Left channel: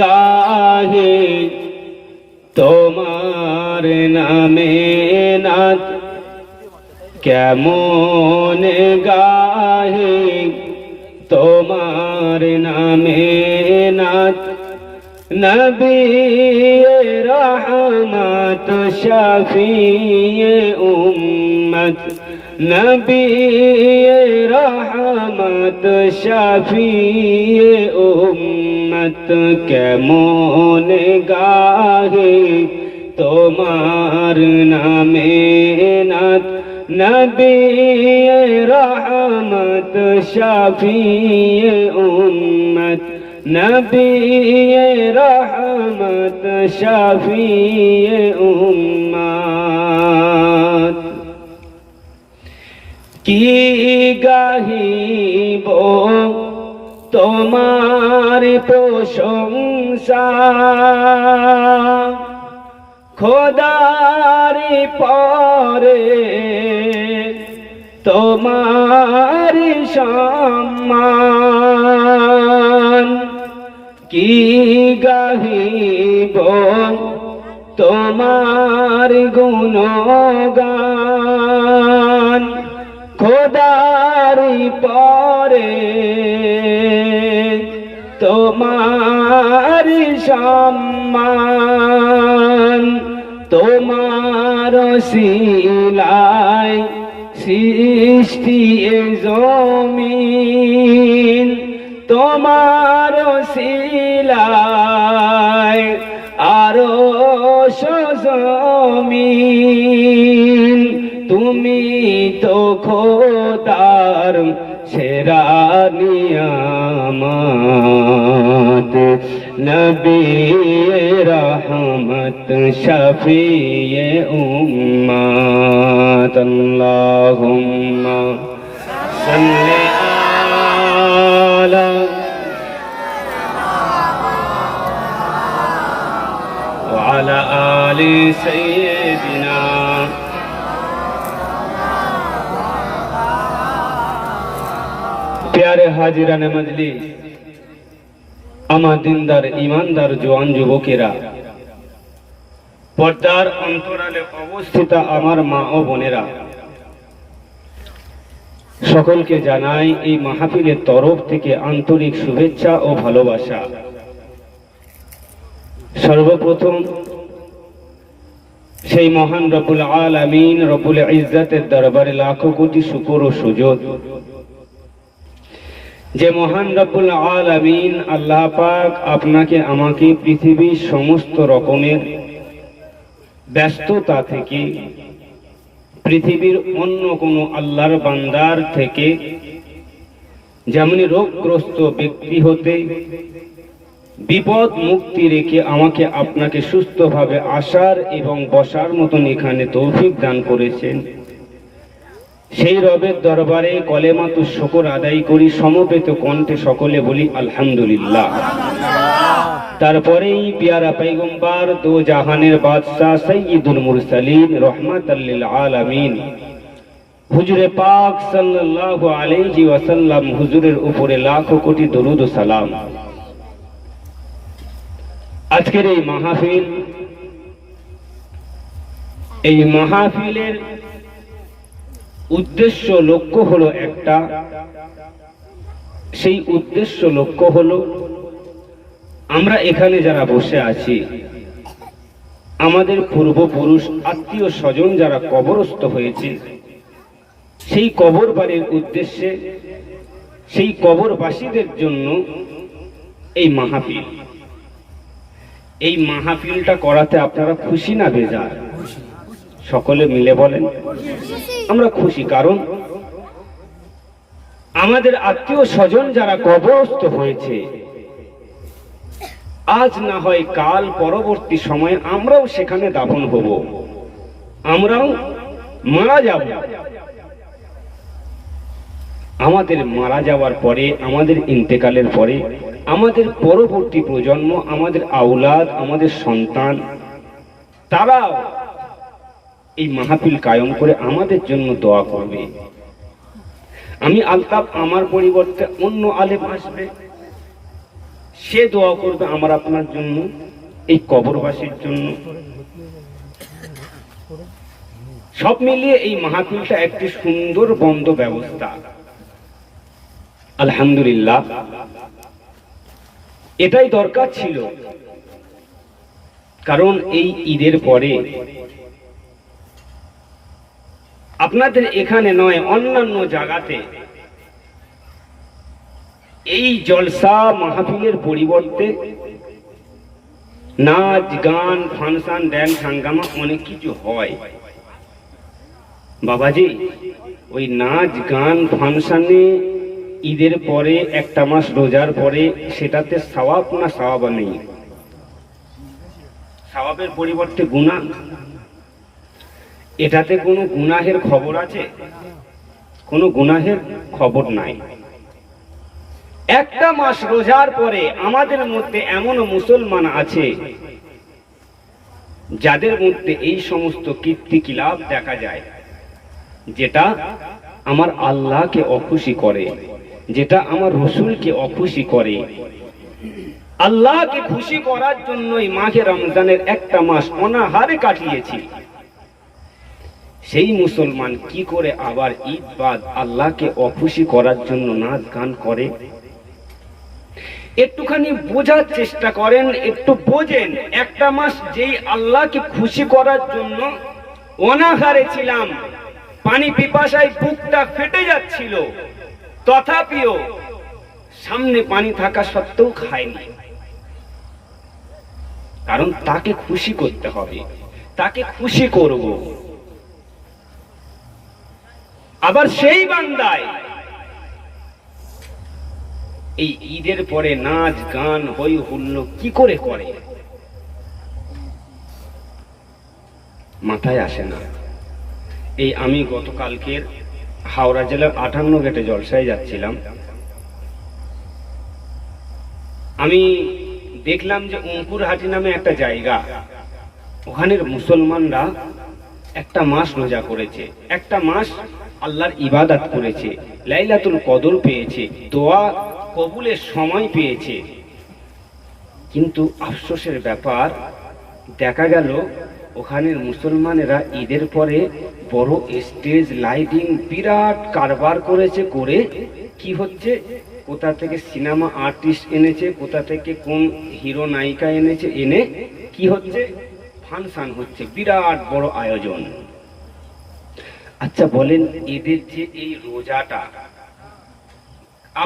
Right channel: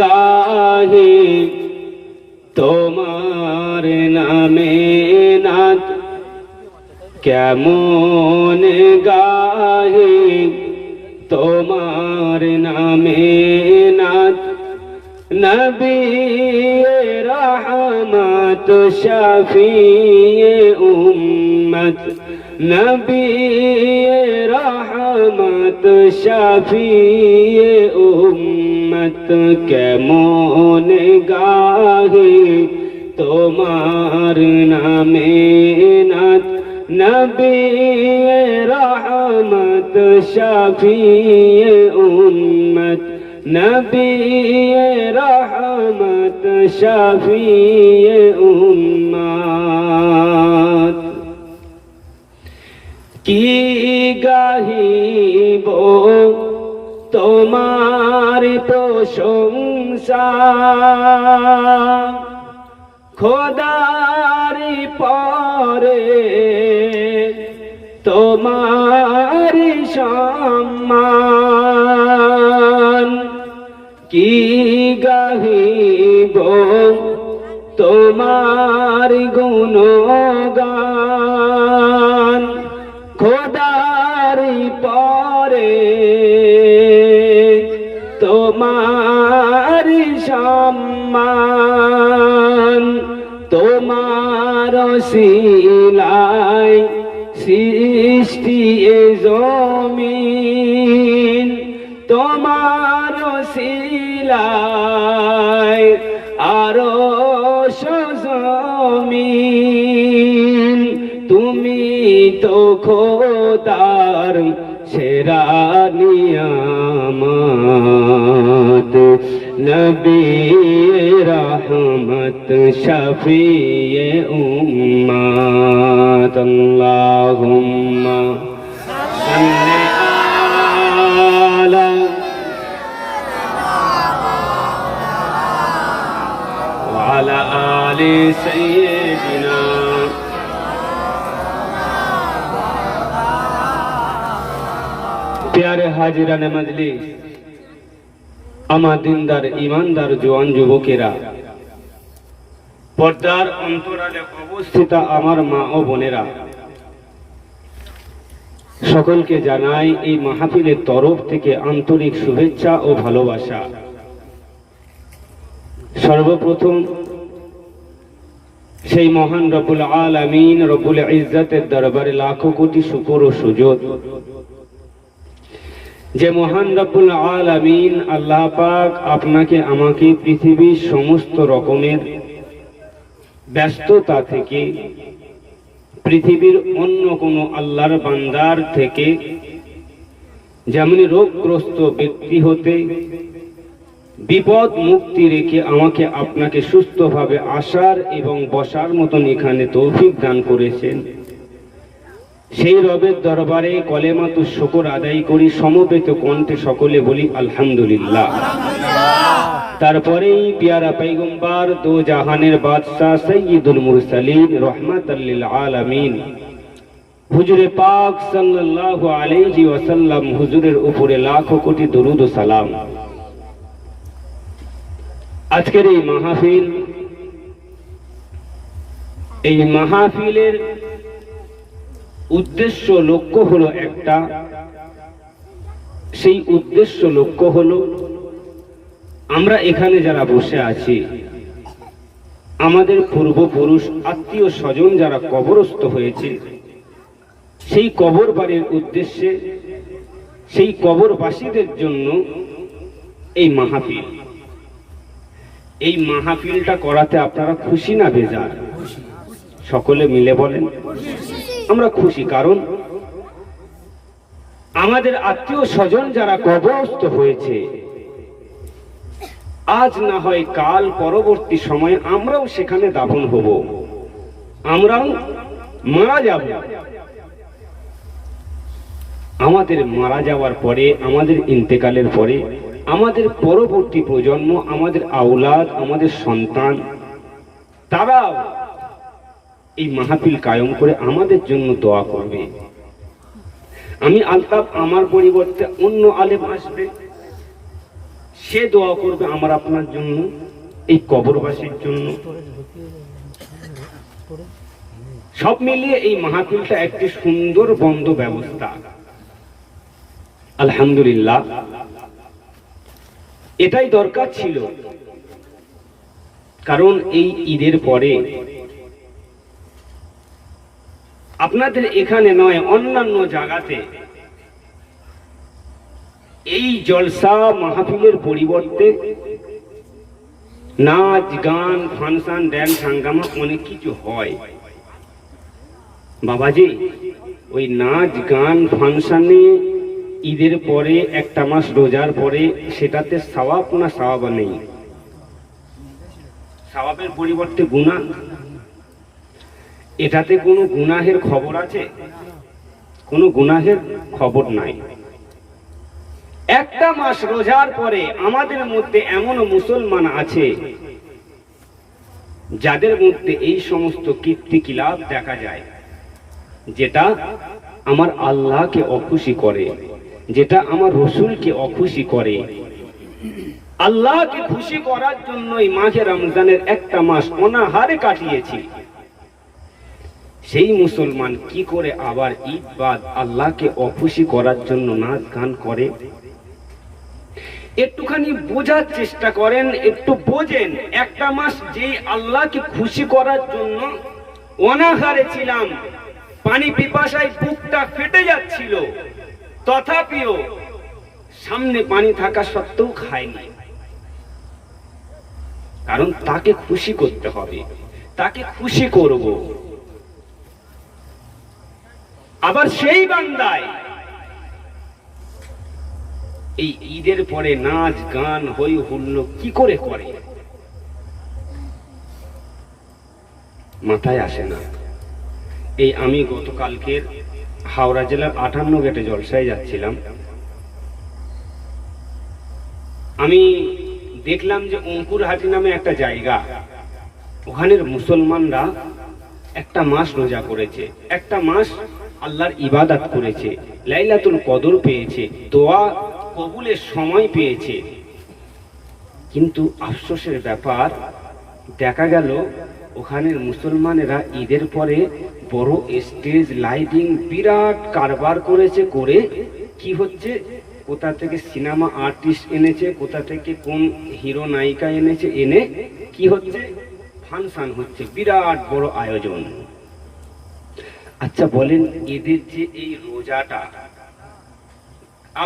গাহে তোমার নামে নাথ, কেমন গাহে তোমার নামে নাথ। নবী রহমত শফিয়ে উম্মত, নবী রহমত শফিয়ে উম্মত। কেমন গাহে তোমার নামে নাথ, নবী রহমত শফিয়ে উম্মত, নবী রহমত শফিয়ে উম্মত। কি গাহিব তোমার প্রশংসা, খোদার পরে তোমার সম্মান। কি গাহিব তোমার গুণগান, খোদার পরে তোমার সম্মান। তোমার শিলায় সৃষ্টি জমিন, তোমার শিলায় আরো জমিন। তুমি তো খোদার সেরা নিয়ামত, নবী রহমত শফিয়ে উম্মত। আল্লাহুম্মা সাল্লি আলা ওয়া আলা আলি সাইয়্যিদিনা। प्यारे हाजिरान मजलिस, আমার দিনদার ইমানদার জওয়ান যুবকেরা, পর্দার অন্তরালে অবস্থিত আমার মা ও বোনেরা, সকলকে জানাই এই মাহফিলের তরফ থেকে আন্তরিক শুভেচ্ছা ও ভালোবাসা। সর্বপ্রথম সেই মহান রব্বুল আলামিন রব্বুল ইজ্জতের দরবারে লাখো কোটি শুকর ও সুজুদ, যে মহান রব্বুল আলামিন আল্লাহ পাক আপনাকে আমাকে পৃথিবীর সমস্ত রকমের ব্যস্ততা থেকে, পৃথিবীর অন্য কোনো আল্লাহর বান্দার থেকে, যেমন রোগগ্রস্ত ব্যক্তি হতে বিপদ মুক্তি রেখে আমাকে আপনাকে সুস্থভাবে আসার এবং বসার মতন এখানে তৌফিক দান করেছেন, সেই রবের দরবারে কলেমাতুশ শুকর আদায় করি। সমবেত কণ্ঠে সকলে বলি আলহামদুলিল্লাহ। তারপরেই পিয়ারা পয়গম্বর দো জাহানের বাদশাহ সাইয়্যিদুল মুরসালিন রহমাতাল লিল আলামিন হুজুরে পাক সাল্লাল্লাহু আলাইহি ওয়াসাল্লাম হুজুরের উপরে লাখো কোটি দরুদ ও সালাম। আজকের এই মাহফিলের উদ্দেশ্য লক্ষ্য হলো একটা, সেই উদ্দেশ্য লক্ষ্য হলো আমরা এখানে যারা বসে আছি, আমাদের পূর্বপুরুষ আত্মীয় স্বজন যারা কবরস্থ হয়েছে, সেই কবর বাড়ির উদ্দেশ্যে, সেই কবরবাসীদের জন্য এই মাহফিল। এই মাহফিলটা করাতে আপনারা খুশি না বেজার? সকলে মিলে বলেন আমরা খুশি। কারণ আমাদের আত্মীয় স্বজন যারা কবরস্থ হয়েছে, আজ না হয় কাল পরবর্তী সময়ে আমরাও সেখানে দাফন হব, আমরাও মারা যাব। আমাদের মারা যাওয়ার পরে, আমাদের ইন্তেকালের পরে আমাদের পরবর্তী প্রজন্ম, আমাদের আওলাদ, আমাদের সন্তান, তারা এই মাহফিল কায়েম করে আমাদের জন্য দোয়া করবে। আমি আলতাফ, আমার পরিবর্তে অন্য আলেম আসবে, সে দোয়া করবে আমার আপনার জন্য, এই কবরবাসীর জন্য। সব মিলিয়ে এই মাহফিলটা একটি সুন্দর বন্ধ ব্যবস্থা। আলহামদুলিল্লাহ, এটাই দরকার ছিল। কারণ এই ঈদের পরে আপনাদের এখানে নয়, অন্যান্য জায়গাতে এই জলসা মাহফিলের পরিবর্তে নাচ গান, ফাংশন, ড্যান্স, হাঙ্গামা অনেক কিছু হয়। বাবাজি, ওই নাচ গান ফাংশনে ঈদের পরে একটা মাস রোজার পরে সেটাতে সওয়াব না সওয়াব নেই? সওয়াবের পরিবর্তে গুনাহ। এটাতে কোনো গুনাহের খবর আছে? কোনো গুনাহের খবর নাই। একটা মাস রোজার পরে আমাদের মধ্যে এমন মুসলমান আছে যাদের মধ্যে এই সমস্ত কীর্তিকিলাপ দেখা যায়, যেটা আমার আল্লাহকে অখুশি করে, যেটা আমার রসুলকে অখুশি করে। আল্লাহকে খুশি করার জন্যই মাঘে রমজানের একটা মাস অনাহারে কাটিয়েছি। সেই মুসলমান কি করে আবার ঈদ বাদ আল্লাহকে অখুশি করার জন্য নাচ গান করে? একটুখানি বোঝার চেষ্টা করেন, একটু বোঝেন। একটা মাস যেই আল্লাহকে খুশি করার জন্য অনাহারে ছিলাম, পানি পিপাসায় বুকটা ফেটে যাচ্ছিল, তথাপিও সামনে পানি থাকা সত্ত্বেও খাইনি। কারণ তাকে খুশি করতে হবে, তাকে খুশি করব। আবার সেই বান্দায় এই ঈদের পরে নাচ গান হই হুল্লো কি করে করে মাথায় আসে না। এই আমি গতকালকের হাওড়া জেলার 58 গেটে জলসায় যাচ্ছিলাম। আমি দেখলাম যে অঙ্কুরহাটি নামে একটা জায়গা, ওখানের মুসলমানরা একটা মাস রোজা করেছে, একটা মাস আল্লাহর ইবাদত করেছে, লাইলাতুল কদর পেয়েছে, দোয়া কবুলের সময় পেয়েছে। কিন্তু আফসোসের ব্যাপার, দেখা গেল ওখানের মুসলমানেরা ঈদের পরে বড় স্টেজ লাইটিং বিরাট কারবার করেছে। করে কি হচ্ছে, কোথা থেকে সিনেমা আর্টিস্ট এনেছে, কোথা থেকে কোন হিরো নায়িকা এনেছে, এনে কি হচ্ছে, ফাংশন হচ্ছে, বিরাট বড় আয়োজন। আচ্ছা বলেন, এদের যে এই রোজাটা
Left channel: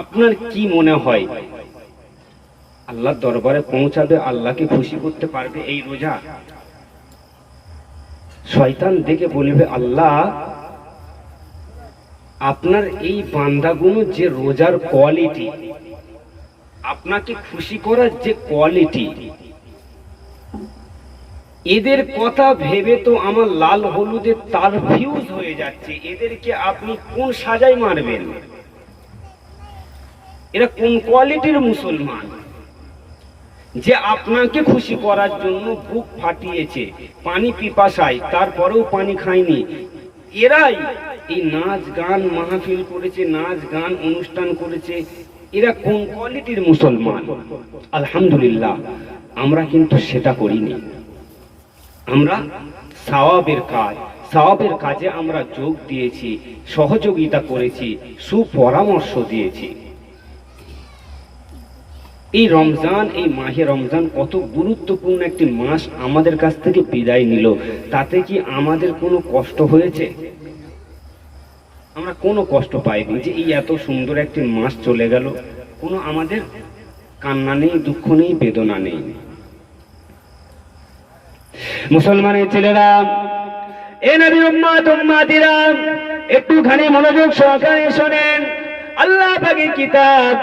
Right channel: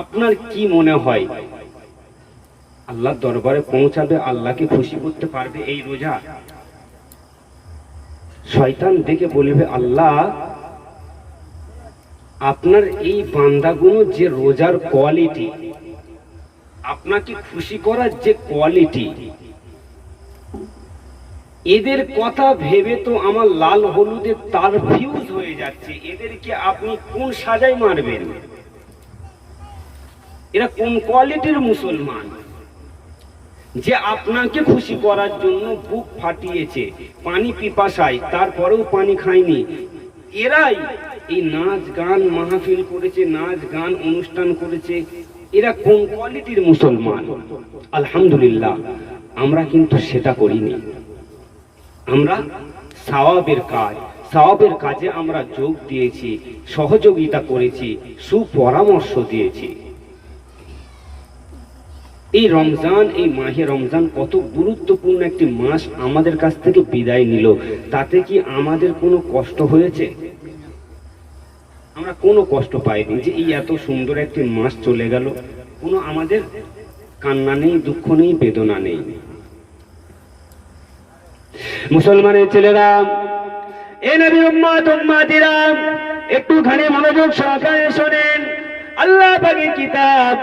আপনার কি মনে হয় আল্লাহর দরবারে পৌঁছাবে, আল্লাহকে খুশি করতে পারবে এই রোজা? শয়তান দেখে বলবে, আল্লাহ আপনার এই বান্দাগুলো যে রোজার কোয়ালিটি, আপনাকে খুশি করার যে কোয়ালিটি, এদের কথা ভেবে তো আমার লাল হলুদের তার ফিউজ হয়ে যাচ্ছে। এদেরকে আপনি কোন সাজায় মারবেন? এরা কোন কোয়ালিটির মুসলমান যে আপনাকে খুশি করার জন্য বুক ফাটিয়েছে, পানি পিপাসায়, তারপরেও পানি খায়নি? এরাই এই নাচ গান মাহফিল করেছে, নাচ গান অনুষ্ঠান করেছে। এরা কোন কোয়ালিটির মুসলমান? আলহামদুলিল্লাহ, আমরা কিন্তু সেটা করিনি। আমরা সওয়াবের কাজে আমরা যোগ দিয়েছি, সহযোগিতা করেছি, সুপরামর্শ দিয়েছি। এই রমজান, এই মাহে রমজান কত গুরুত্বপূর্ণ একটি মাস আমাদের কাছ থেকে বিদায় নিল। তাতে কি আমাদের কোনো কষ্ট হয়েছে? আমরা কোনো কষ্ট পাইনি যে এই এত সুন্দর একটি মাস চলে গেল। কোনো আমাদের কান্না নেই, দুঃখ নেই, বেদনা নেই। মুসলমানের ছেলেরা, এ নবীর উম্মত উম্মাতিরা, একটুখানি মনোযোগ সহকারে শোনেন। আল্লাহ পাকের কিতাব,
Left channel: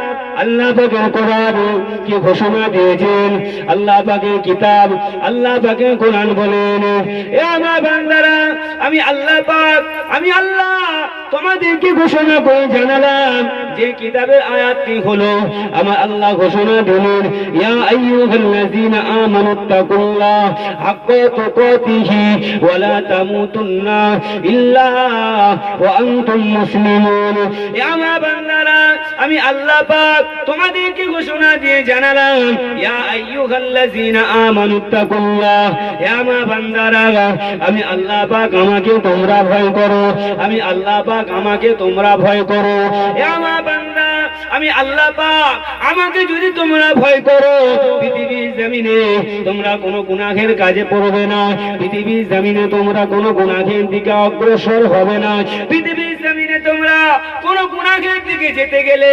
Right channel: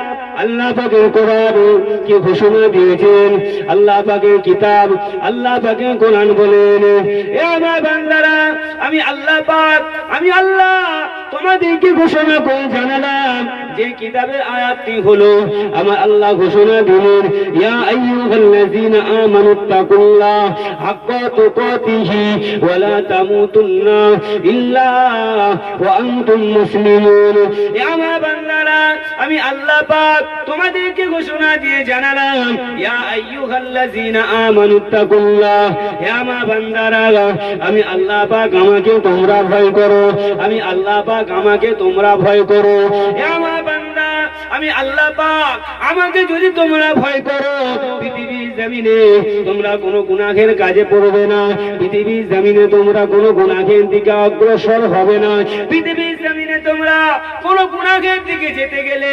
আল্লাহ পাকের কোরআন কি ঘোষণা দিয়েছেন? আল্লাহ পাকের কিতাব, আল্লাহ পাকের কোরআন বলেন, এ আমার বান্দারা, আমি আল্লাহ পাক, আমি আল্লাহ তোমাদেরকে ঘোষণা করে জানালাম যে কিতাবের আয়াতটি হলো আমার আল্লাহ ঘোষণা দিলেন ইয়া আইয়ুহাল্লাযীনা আমানুত্তাকুল্লাহ হাক্কা তুকাতিহি ওয়া লা তামুতুন্না ইল্লা ওয়া আনতুম মুসলিমুন। এ আমার বান্দারা আমি আল্লাহ পাক তোমাদেরকে ঘোষণা দিয়ে জানালাম ইয়া আইয়ুহাল্লাযীনা আমানুত্তাকুল্লাহ, হে আমার বান্দারা আমি আল্লাহ পাক আমাকে তোমরা ভয় করো, আমি আল্লাহ পাক আমাকে তোমরা ভয় করো। হে আমার বান্দা আমি আল্লাহ পাক আমাকে যদি তোমরা ভয় করো পৃথিবীর জমিনে তোমরা কোনো গুনাহের কাজে পড়বে না, পৃথিবীর জমিনে তোমরা কোনো গুনাহের দিকে অগ্রসর হবে না, পৃথিবীর জমিনে তোমরা কোনো গুনাহের দিকে যেতে গেলে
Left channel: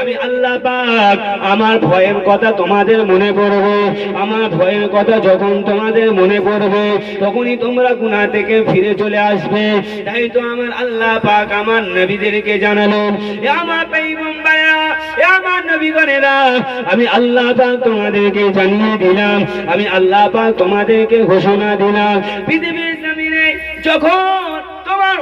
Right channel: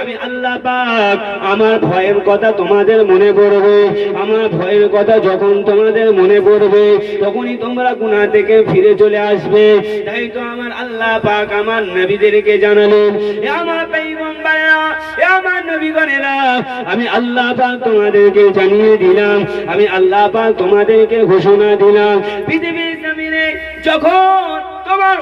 আমি আল্লাহ পাক আমার ভয়ের কথা তোমাদের মনে পড়বে। আমার ভয়ের কথা যখন তোমাদের মনে পড়বে তখনই তোমরা গুনাহ থেকে ফিরে চলে আসবে। তাই তো আমার আল্লাহ পাক আমার নবীদেরকে জানালেন এ আমার পয়গম্বরেরা, এ আমার নবীগণেরা আমি আল্লাহ পাক তোমাদেরকে জানিয়ে দিলাম, আমি আল্লাহ পাক তোমাদেরকে ঘোষণা দিলাম পৃথিবীর জমিনে যখন তোমার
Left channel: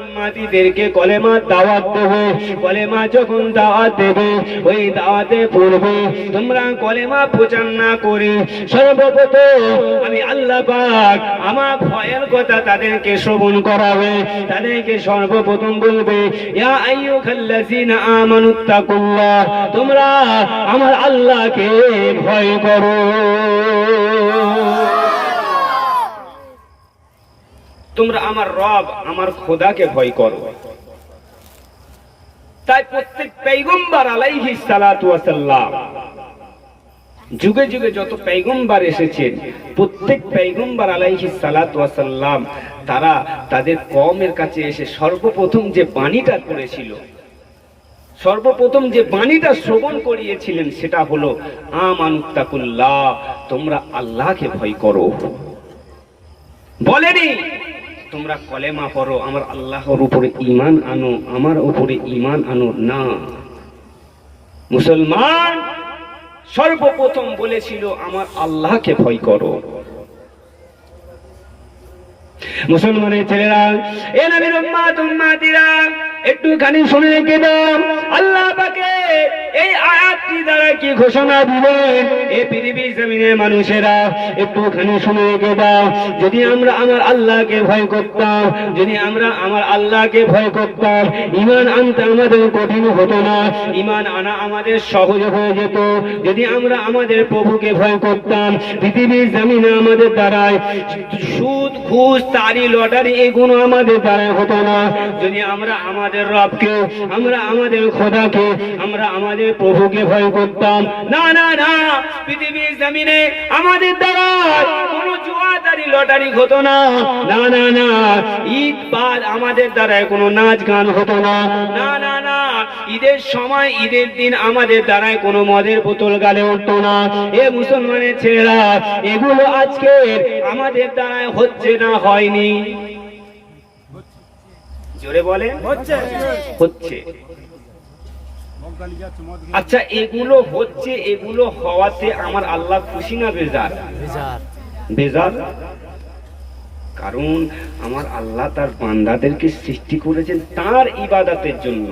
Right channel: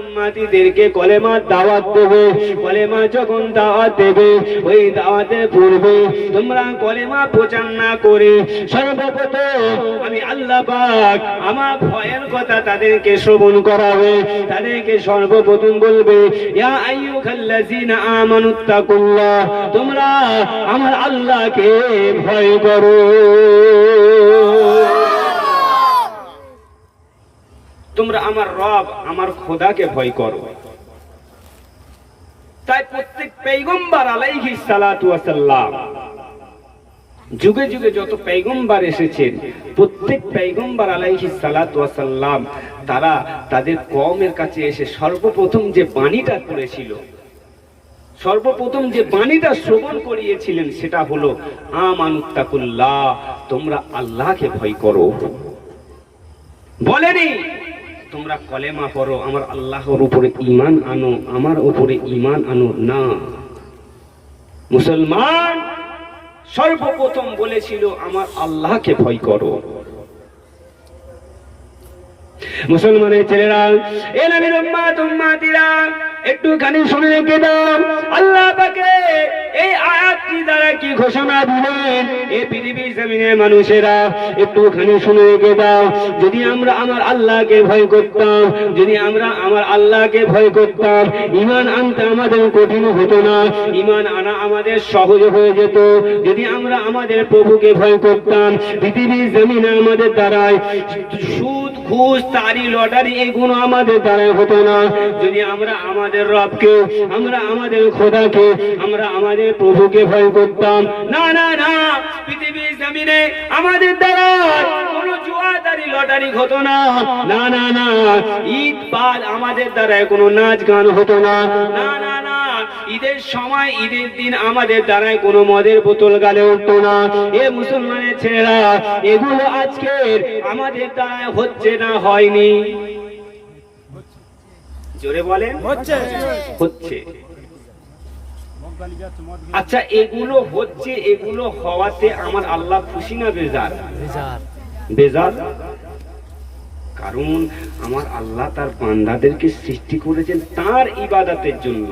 উম্মাতিদেরকে কলেমার দাওয়াত দেবে, কলেমা যখন দাওয়াত দেবে ওই দাওয়াতে পড়বে তোমরা কলেমা প্রচার না করে সর্বপ্রথম আমি আল্লাহ পাক আমার ভয়ের কথা তাদেরকে শ্রবণ করাবে, তাদেরকে সর্বপ্রথম বলবে ইয়া আইয়ুহাল্লাযীনা আমানুত্তাকুল্লাহ, তোমরা আমার আল্লাহকে ভয় করো। তোমরা আমার রব আমার খোদাকে ভয় করো। তাই প্রত্যেক পয়গম্বর আলাইহিস সালাতু ওয়াস সালাম যুগে যুগে যত পয়গম্বর এসেছেন প্রত্যেক পয়গম্বর আলাইহিস সালাতু ওয়াস সালাম তারা তাদের কওমের কাছে এসে সর্বপ্রথম যে বাণীটা করেছিল, সর্বপ্রথম যে বাণীটা শ্রবণ করিয়েছিলেন সেটা হলো আমানুত্তাকুল্লাহ, তোমরা আল্লাহকে ভয় করো। বলেনি তোমরা কলেমা পড়ো, আমার আল্লাহর উপরে ঈমান আনো, আমার উপরে ঈমান আনো না। মুসলমান সর্বপ্রথম বলেছিল আমার আল্লাহকে ভয় করো। মুসলমানের ছেলেরা এ নবীর উম্মাতিরা একটুখানি শুনে রেখে দাও আল্লাহ পাকে এই আয়াতটি দ্বারা কি ঘোষণা দিলেন। এই পৃথিবীর জমিনের মানুষেরা একটুখানি শুনে রেখে দাও, যদি আমরা আমার আল্লাহকে ভয় করতাম, যদি আমরা আমার আল্লাহকে ভয় করতাম ঈমান আনতে আমাদের কঠিন হতো না, ঈমান আনা আমাদের সহজ হয়ে যেত। যদি আমরা আমাদের প্রভুকে ভয় করতাম পৃথিবীর জমিনে আমাদের দ্বারাই সুদ ঘুষ তারি লটারি এগুলো আমাদের দ্বারাই হতো না। যদি আমরা আমাদের রবকে, আমরা আমাদের খোদাকে, আমরা আমাদের প্রভুকে ভয় করতাম, না না না, পৃথিবীর জমিনে আমাদের দ্বারা কোনো জুয়াদারি লটারি হতো না, না না না, ঈদ পাল আমাদের দ্বারা কোনো নাচ গান হতো না, না না না, ঈদের সময় ঈদের দিন আমাদের দ্বারা কোনো মদের বোতল গালে উঠতো না। এ মুসলমানের ছেলেরা এগুলো আজকে আমাদের দ্বারা হচ্ছে না হয়নি? জোরে বলেন হচ্ছে। আচ্ছা এগুলো হচ্ছে, এগুলো হওয়াতে আমার আল্লাহ খুশি না বেজার? বেজার। কারণ আমার আল্লাহ তার বান্দাদেরকে সৃষ্টি করেছেন তার ইবাদতের জন্য।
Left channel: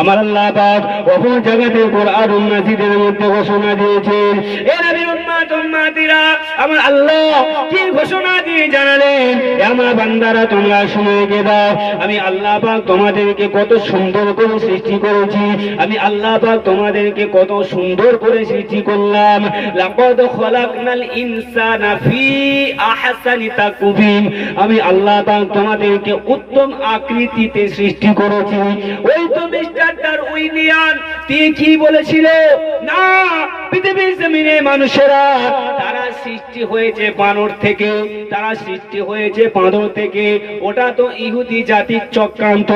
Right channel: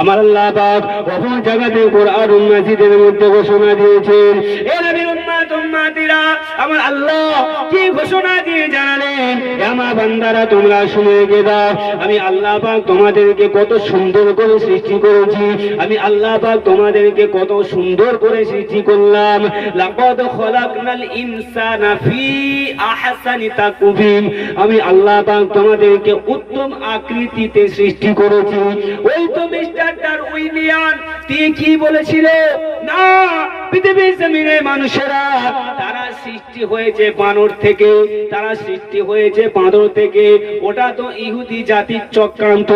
আমার আল্লাহ পাক বহু জায়গাতে কোরআন মাজিদের মধ্যে ঘোষণা দিয়েছেন, এ নবীর উম্মাতিরা আমার আল্লাহ কি ঘোষণা দিয়ে জানালেন, আমার বান্দারা তোমরা শুনে রেখে দাও, আমি আল্লাহ পাক তোমাদেরকে কত সুন্দর করে সৃষ্টি করেছি, আমি আল্লাহ পাক তোমাদেরকে কত সুন্দর করে সৃষ্টি করলাম। লাকাদ খলাকনাল ইনসানা ফি আহসানি তাকওয়িম, আমি আল্লাহ পাক তোমাদেরকে উত্তম আকৃতিতে সৃষ্টি করেছি। ওই তো মিস্টার ডারউইনিয়ান তিনি কি বলেছিল, না পৃথিবীর জমিনে মানুষেরা তারা সৃষ্টি হয়েছে বানর থেকে, তারা সৃষ্টি হয়েছে বাঁদর থেকে, ওটা তো ইহুদি জাতির চক্রান্ত।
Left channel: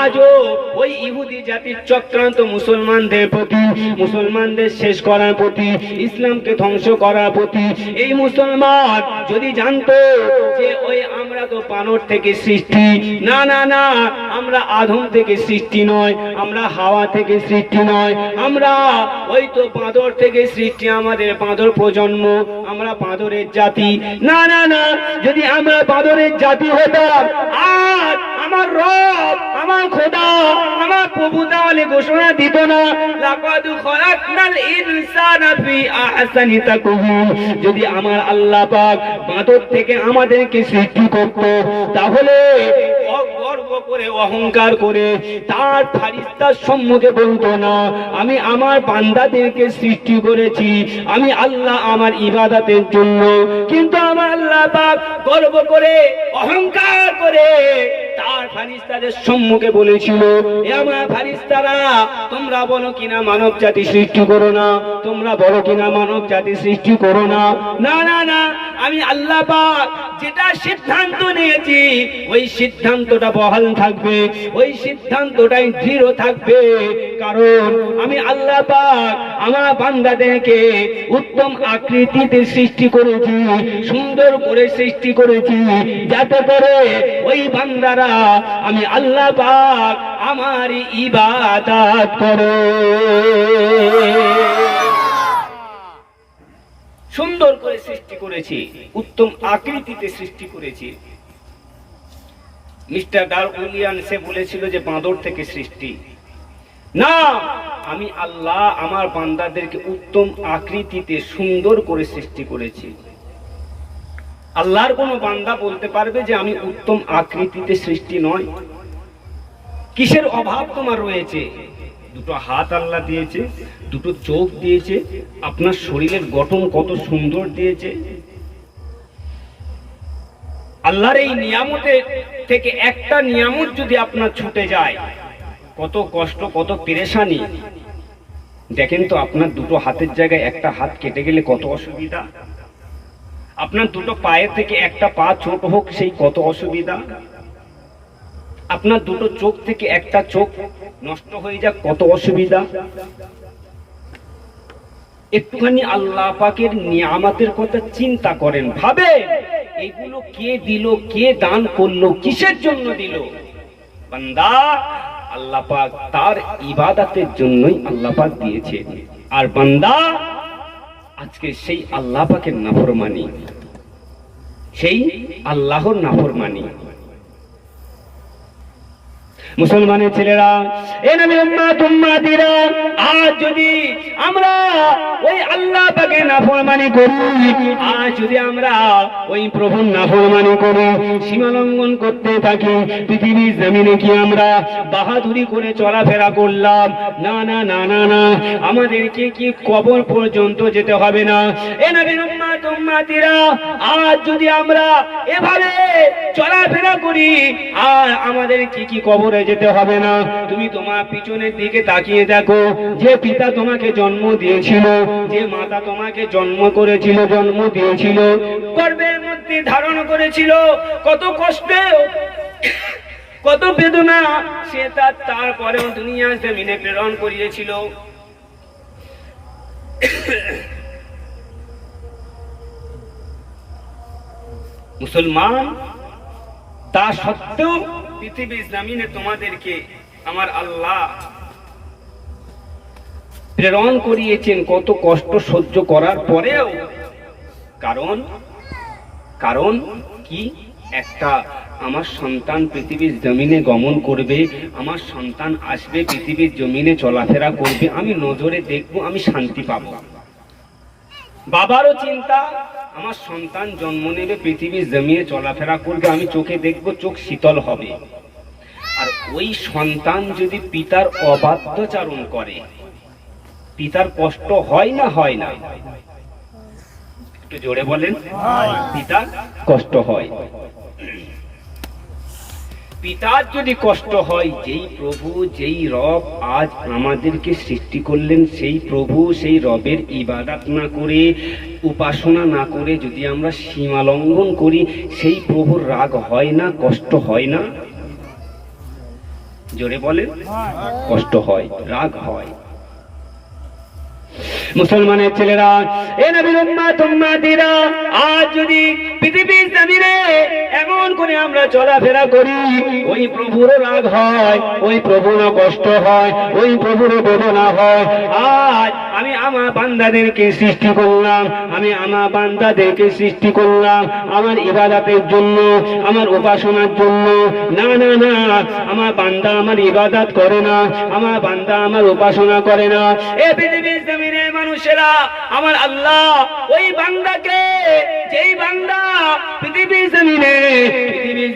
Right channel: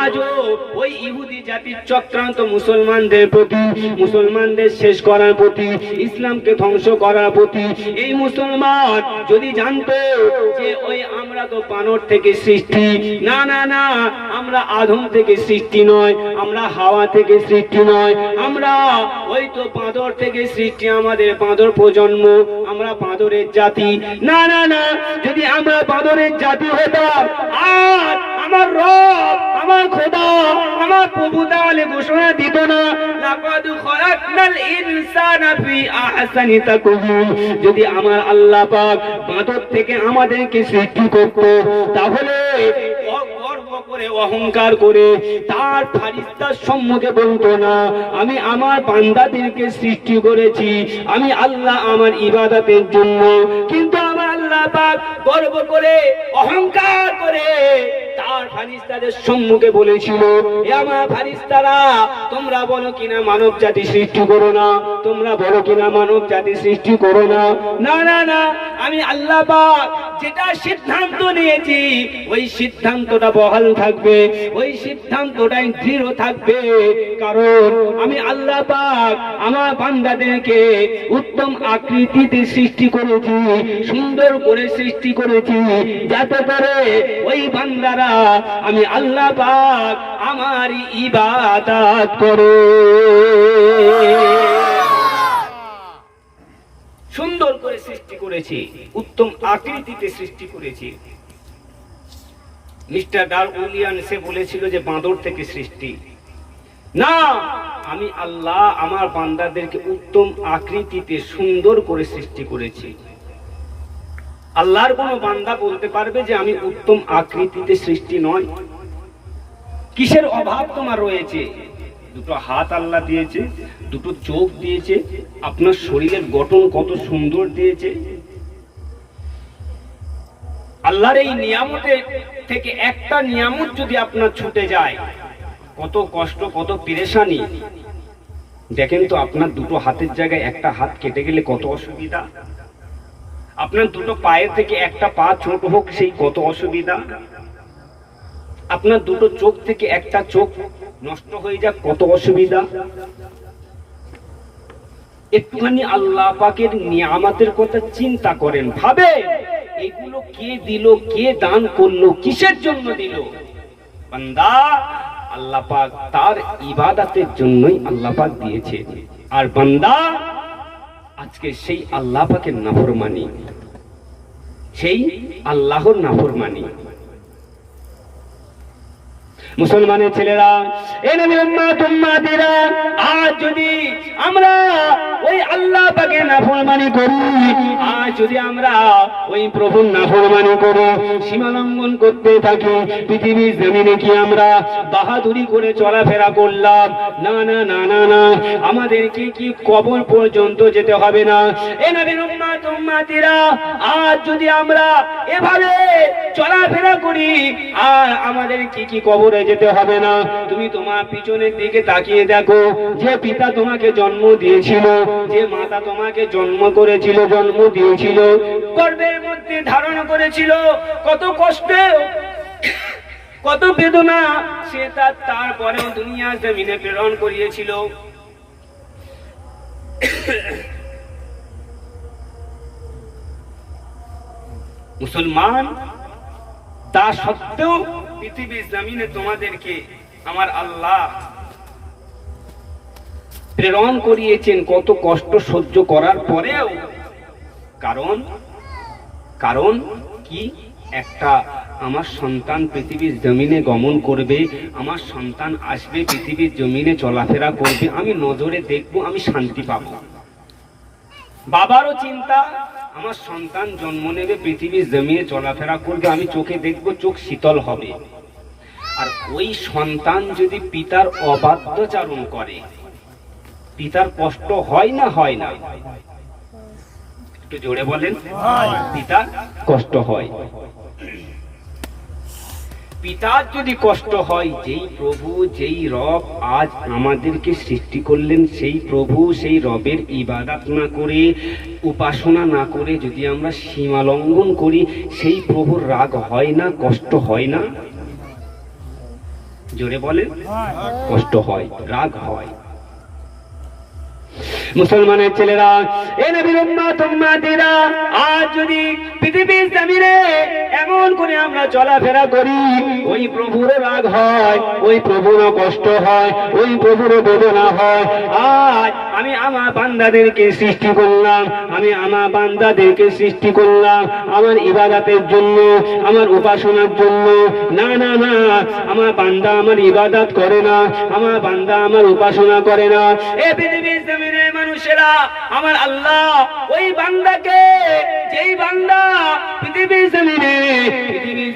আজও ওই ইহুদি জাতির চক্রান্ত মুসলমানদের প্রতি, মুসলমানদের শেষ করার প্রতি, ইসলামকে ধ্বংস করার প্রতি। এই মুসলমান যদি জানতো যে ওই আমরা তো বানর থেকে সৃষ্টি, না না না, আমরা আদম থেকে সৃষ্টি নয়, আমরা হাওয়া থেকে সৃষ্টি নয়, আমরা ওই তো বাঁদর থেকে সৃষ্টি, আমাদের বাঁদর প্রজন্ম, আমরা বাঁদরের জাতি। না না না, যদি আমরা বাঁদরের জাতি হতাম, আজ আমার রব, আমার খোদা, আমার প্রভু তাহলে ঘোষণা দিত না, লাকাদ খলাকনাল ইনসানা ফি আহসানি তাকওয়িম। যদি আমার আল্লাহ পাক বাঁদর থেকে আমাদেরকে সৃষ্টি করত, তাহলে গর্ব করে অহংকার করে তার ফারিস্তার সম্মুখে বলতো না, আমি আমার বান্দাদেরকে সৃষ্টি করেছি, আমি আল্লাহ আমার ইবাদতের জন্য। কিন্তু আমার আল্লাহ পাক গর্ব করে অহংকার করে তার ফারিস্তাদের সম্মুখে বলেছিল, এ আমার ফারিস্তারা, তোমরা বলো কিনা মানব জাতি সৃষ্টি করো না, তোমরা বলো কিনা মানব জাতি সৃষ্টি করো না। না না না, আমি আল্লাহ পাক যেটা সিদ্ধান্ত নিয়েছি ওই সিদ্ধান্তটা বহাল থাকবে, ওই সিদ্ধান্তটাই দৃঢ় থাকবে। কারণ আমি আল্লাহ পাক আমার বান্দাদেরকে উত্তম আকৃতিতে সৃষ্টি করেছি, সুন্দর করে সৃষ্টি করেছি, যাতে করে ওই বান্দারা আমি আল্লাহ পাক আমার ইবাদত করে। সুন্দর করে সৃষ্টি করেছি, উত্তম আকৃতিতে সৃষ্টি করেছি। মিস্টার ডারউইনিয়ান সে বলেছিল যে বাঁদর থেকে সৃষ্টি না, আমি আল্লাহ আমার বান্দাদেরকে উত্তম আকৃতিতে সুন্দর করে সৃষ্টি করেছি। আল্লাহর কোন বান্দা বলতে পারবে যে আমি উত্তম আকৃতিতে সৃষ্টি নয়? কিসের অভাব তোমার রয়েছে? দুটো হাত আল্লাহ দিয়েছে, দুটো চোখ দিয়েছে, আপনার শরীরের গঠন কত সুন্দর দিয়েছে। আল্লাহর এই নিয়ামতের থেকে একটা নিয়ামত যদি আপনার ছুটে যায়, কত কষ্ট, কত পেরেশানি। দেখেন তো, আপনার দুটো হাতের জায়গায় একটা হাত কেটে গেলে কত অসুবিধা। আপনার দুটো পায়ের থেকে একটা পা ছোট হোক, সেই কত অসুবিধা। আপনার দুটো চোখ থেকে একটা চোখ নষ্ট হয়ে যাক, কত অসুবিধা। একটুখানি আল্লাহ পাকের নিয়ামতের কথা চিন্তা করেন, ভাবে এগুলো কে দিল, কে দান করলো, কিসের জন্য দিল? বান্দা, আল্লাহ পাক তার ইবাদতের জন্যই আল্লাহ পাক দিয়েছে। আর বান্দা আজকে সেই আল্লাহ পাকের নাফরমানি, সেই আল্লাহর নাফরমানি। মুসলমানের ছেলেরা, এ নবীর উম্মত উম্মাতিরা, আজ যদি আমরা ওই আল্লাহ পাকের নাফরমানি করি, আজ যদি আমরা ওই প্রভুর নাফরমানি করি, সীমা লঙ্ঘন করতে থাকি, পৃথিবীর জমিনে কি আমরা বাহাদুরি করে চলাফেরা করলাম? না না না না না, আমাদেরকে কি কবর পর্যন্ত যেতে হবে না? এ নবীর উম্মত উম্মাতিরা, আজ যদি আমরা এভাবে চলাফেরা করি, আর আমাদের কি কবরে যেতে হবে না। তুমি তোমার পিছনের দিকে তাকিয়ে দেখো, যে পিতা তোমাকে জন্ম দিয়েছিল, যে মাতা তোমাকে জন্ম করেছিল, জন্ম দিয়েছিল, গর্ভের মধ্যে ধারণ করেছিল, কত কষ্ট, কত বেদনা সে তারপরে দুনিয়া জমিনে প্রেরণ করিয়েছিল। মুসলমান, তা সত্ত্বেও পৃথিবীর জমিনে তোমাদেরকে আমার আল্লাহ প্রেরণ করিয়েছেন কত কষ্ট সহ্য করার পরেও। কারণ কি? একটা আমার সন্তান পৃথিবীর জমিনে গমন করবে, আমার সন্তান আসবে, পৃথিবীর জমিনে চলাফেরা করবে, আমি নজরে দেখবো, আমি শান্তি পাবো। বাবারও চিন্তা, আমার সন্তান জন্ম নেবে, পৃথিবীর জমিনে চলাফেরা করবে, আমি চোখে দেখবো, চোখ শীতল হবে। আর ওই সন্তান যদি পিতার অবাধ্যচারণ করে, পিতার কষ্ট হয় না হয় না? একটু জোরে বলেন। পিতার কষ্ট হয়। পিতার যদি কষ্ট হয়, যেই প্রভু, যেই রব আজ আমাদেরকে সৃষ্টি করলেন, সেই প্রভু, সেই রবের ইবাদত না করে, উপাসনা না করে যদি আমরা সীমা লঙ্ঘন করি, সেই প্রভুর রাগ হয় না, কষ্ট হয় না? জোরে বলেন। কষ্ট হয়, রাগ হয়। মুসলমানের ছেলেরা, এ নবীর উম্মত উম্মাতিরা, আজ যদি পৃথিবীর জমিনে এমন করে আমরা চলাফেরা করি, ওই প্রভুর রাগ হয়, ওই প্রভুর কষ্ট হয়, ওই প্রভুর বেদনা হয়। আজ আমি আমার বান্দাদেরকে সৃষ্টি করলাম, আমি আমার বান্দাদেরকে সৃষ্টি করলাম আমার ইবাদতের জন্য, আমার উপাসনার জন্য। না না না, আমার বান্দা আমার ইবাদত করে না, আমার বান্দা আমার উপাসনা করে না। এ পৃথিবীর জমিনের মানুষেরা, আমার আল্লাহ ওই বান্দাকে, যেই বান্দা পৃথিবীর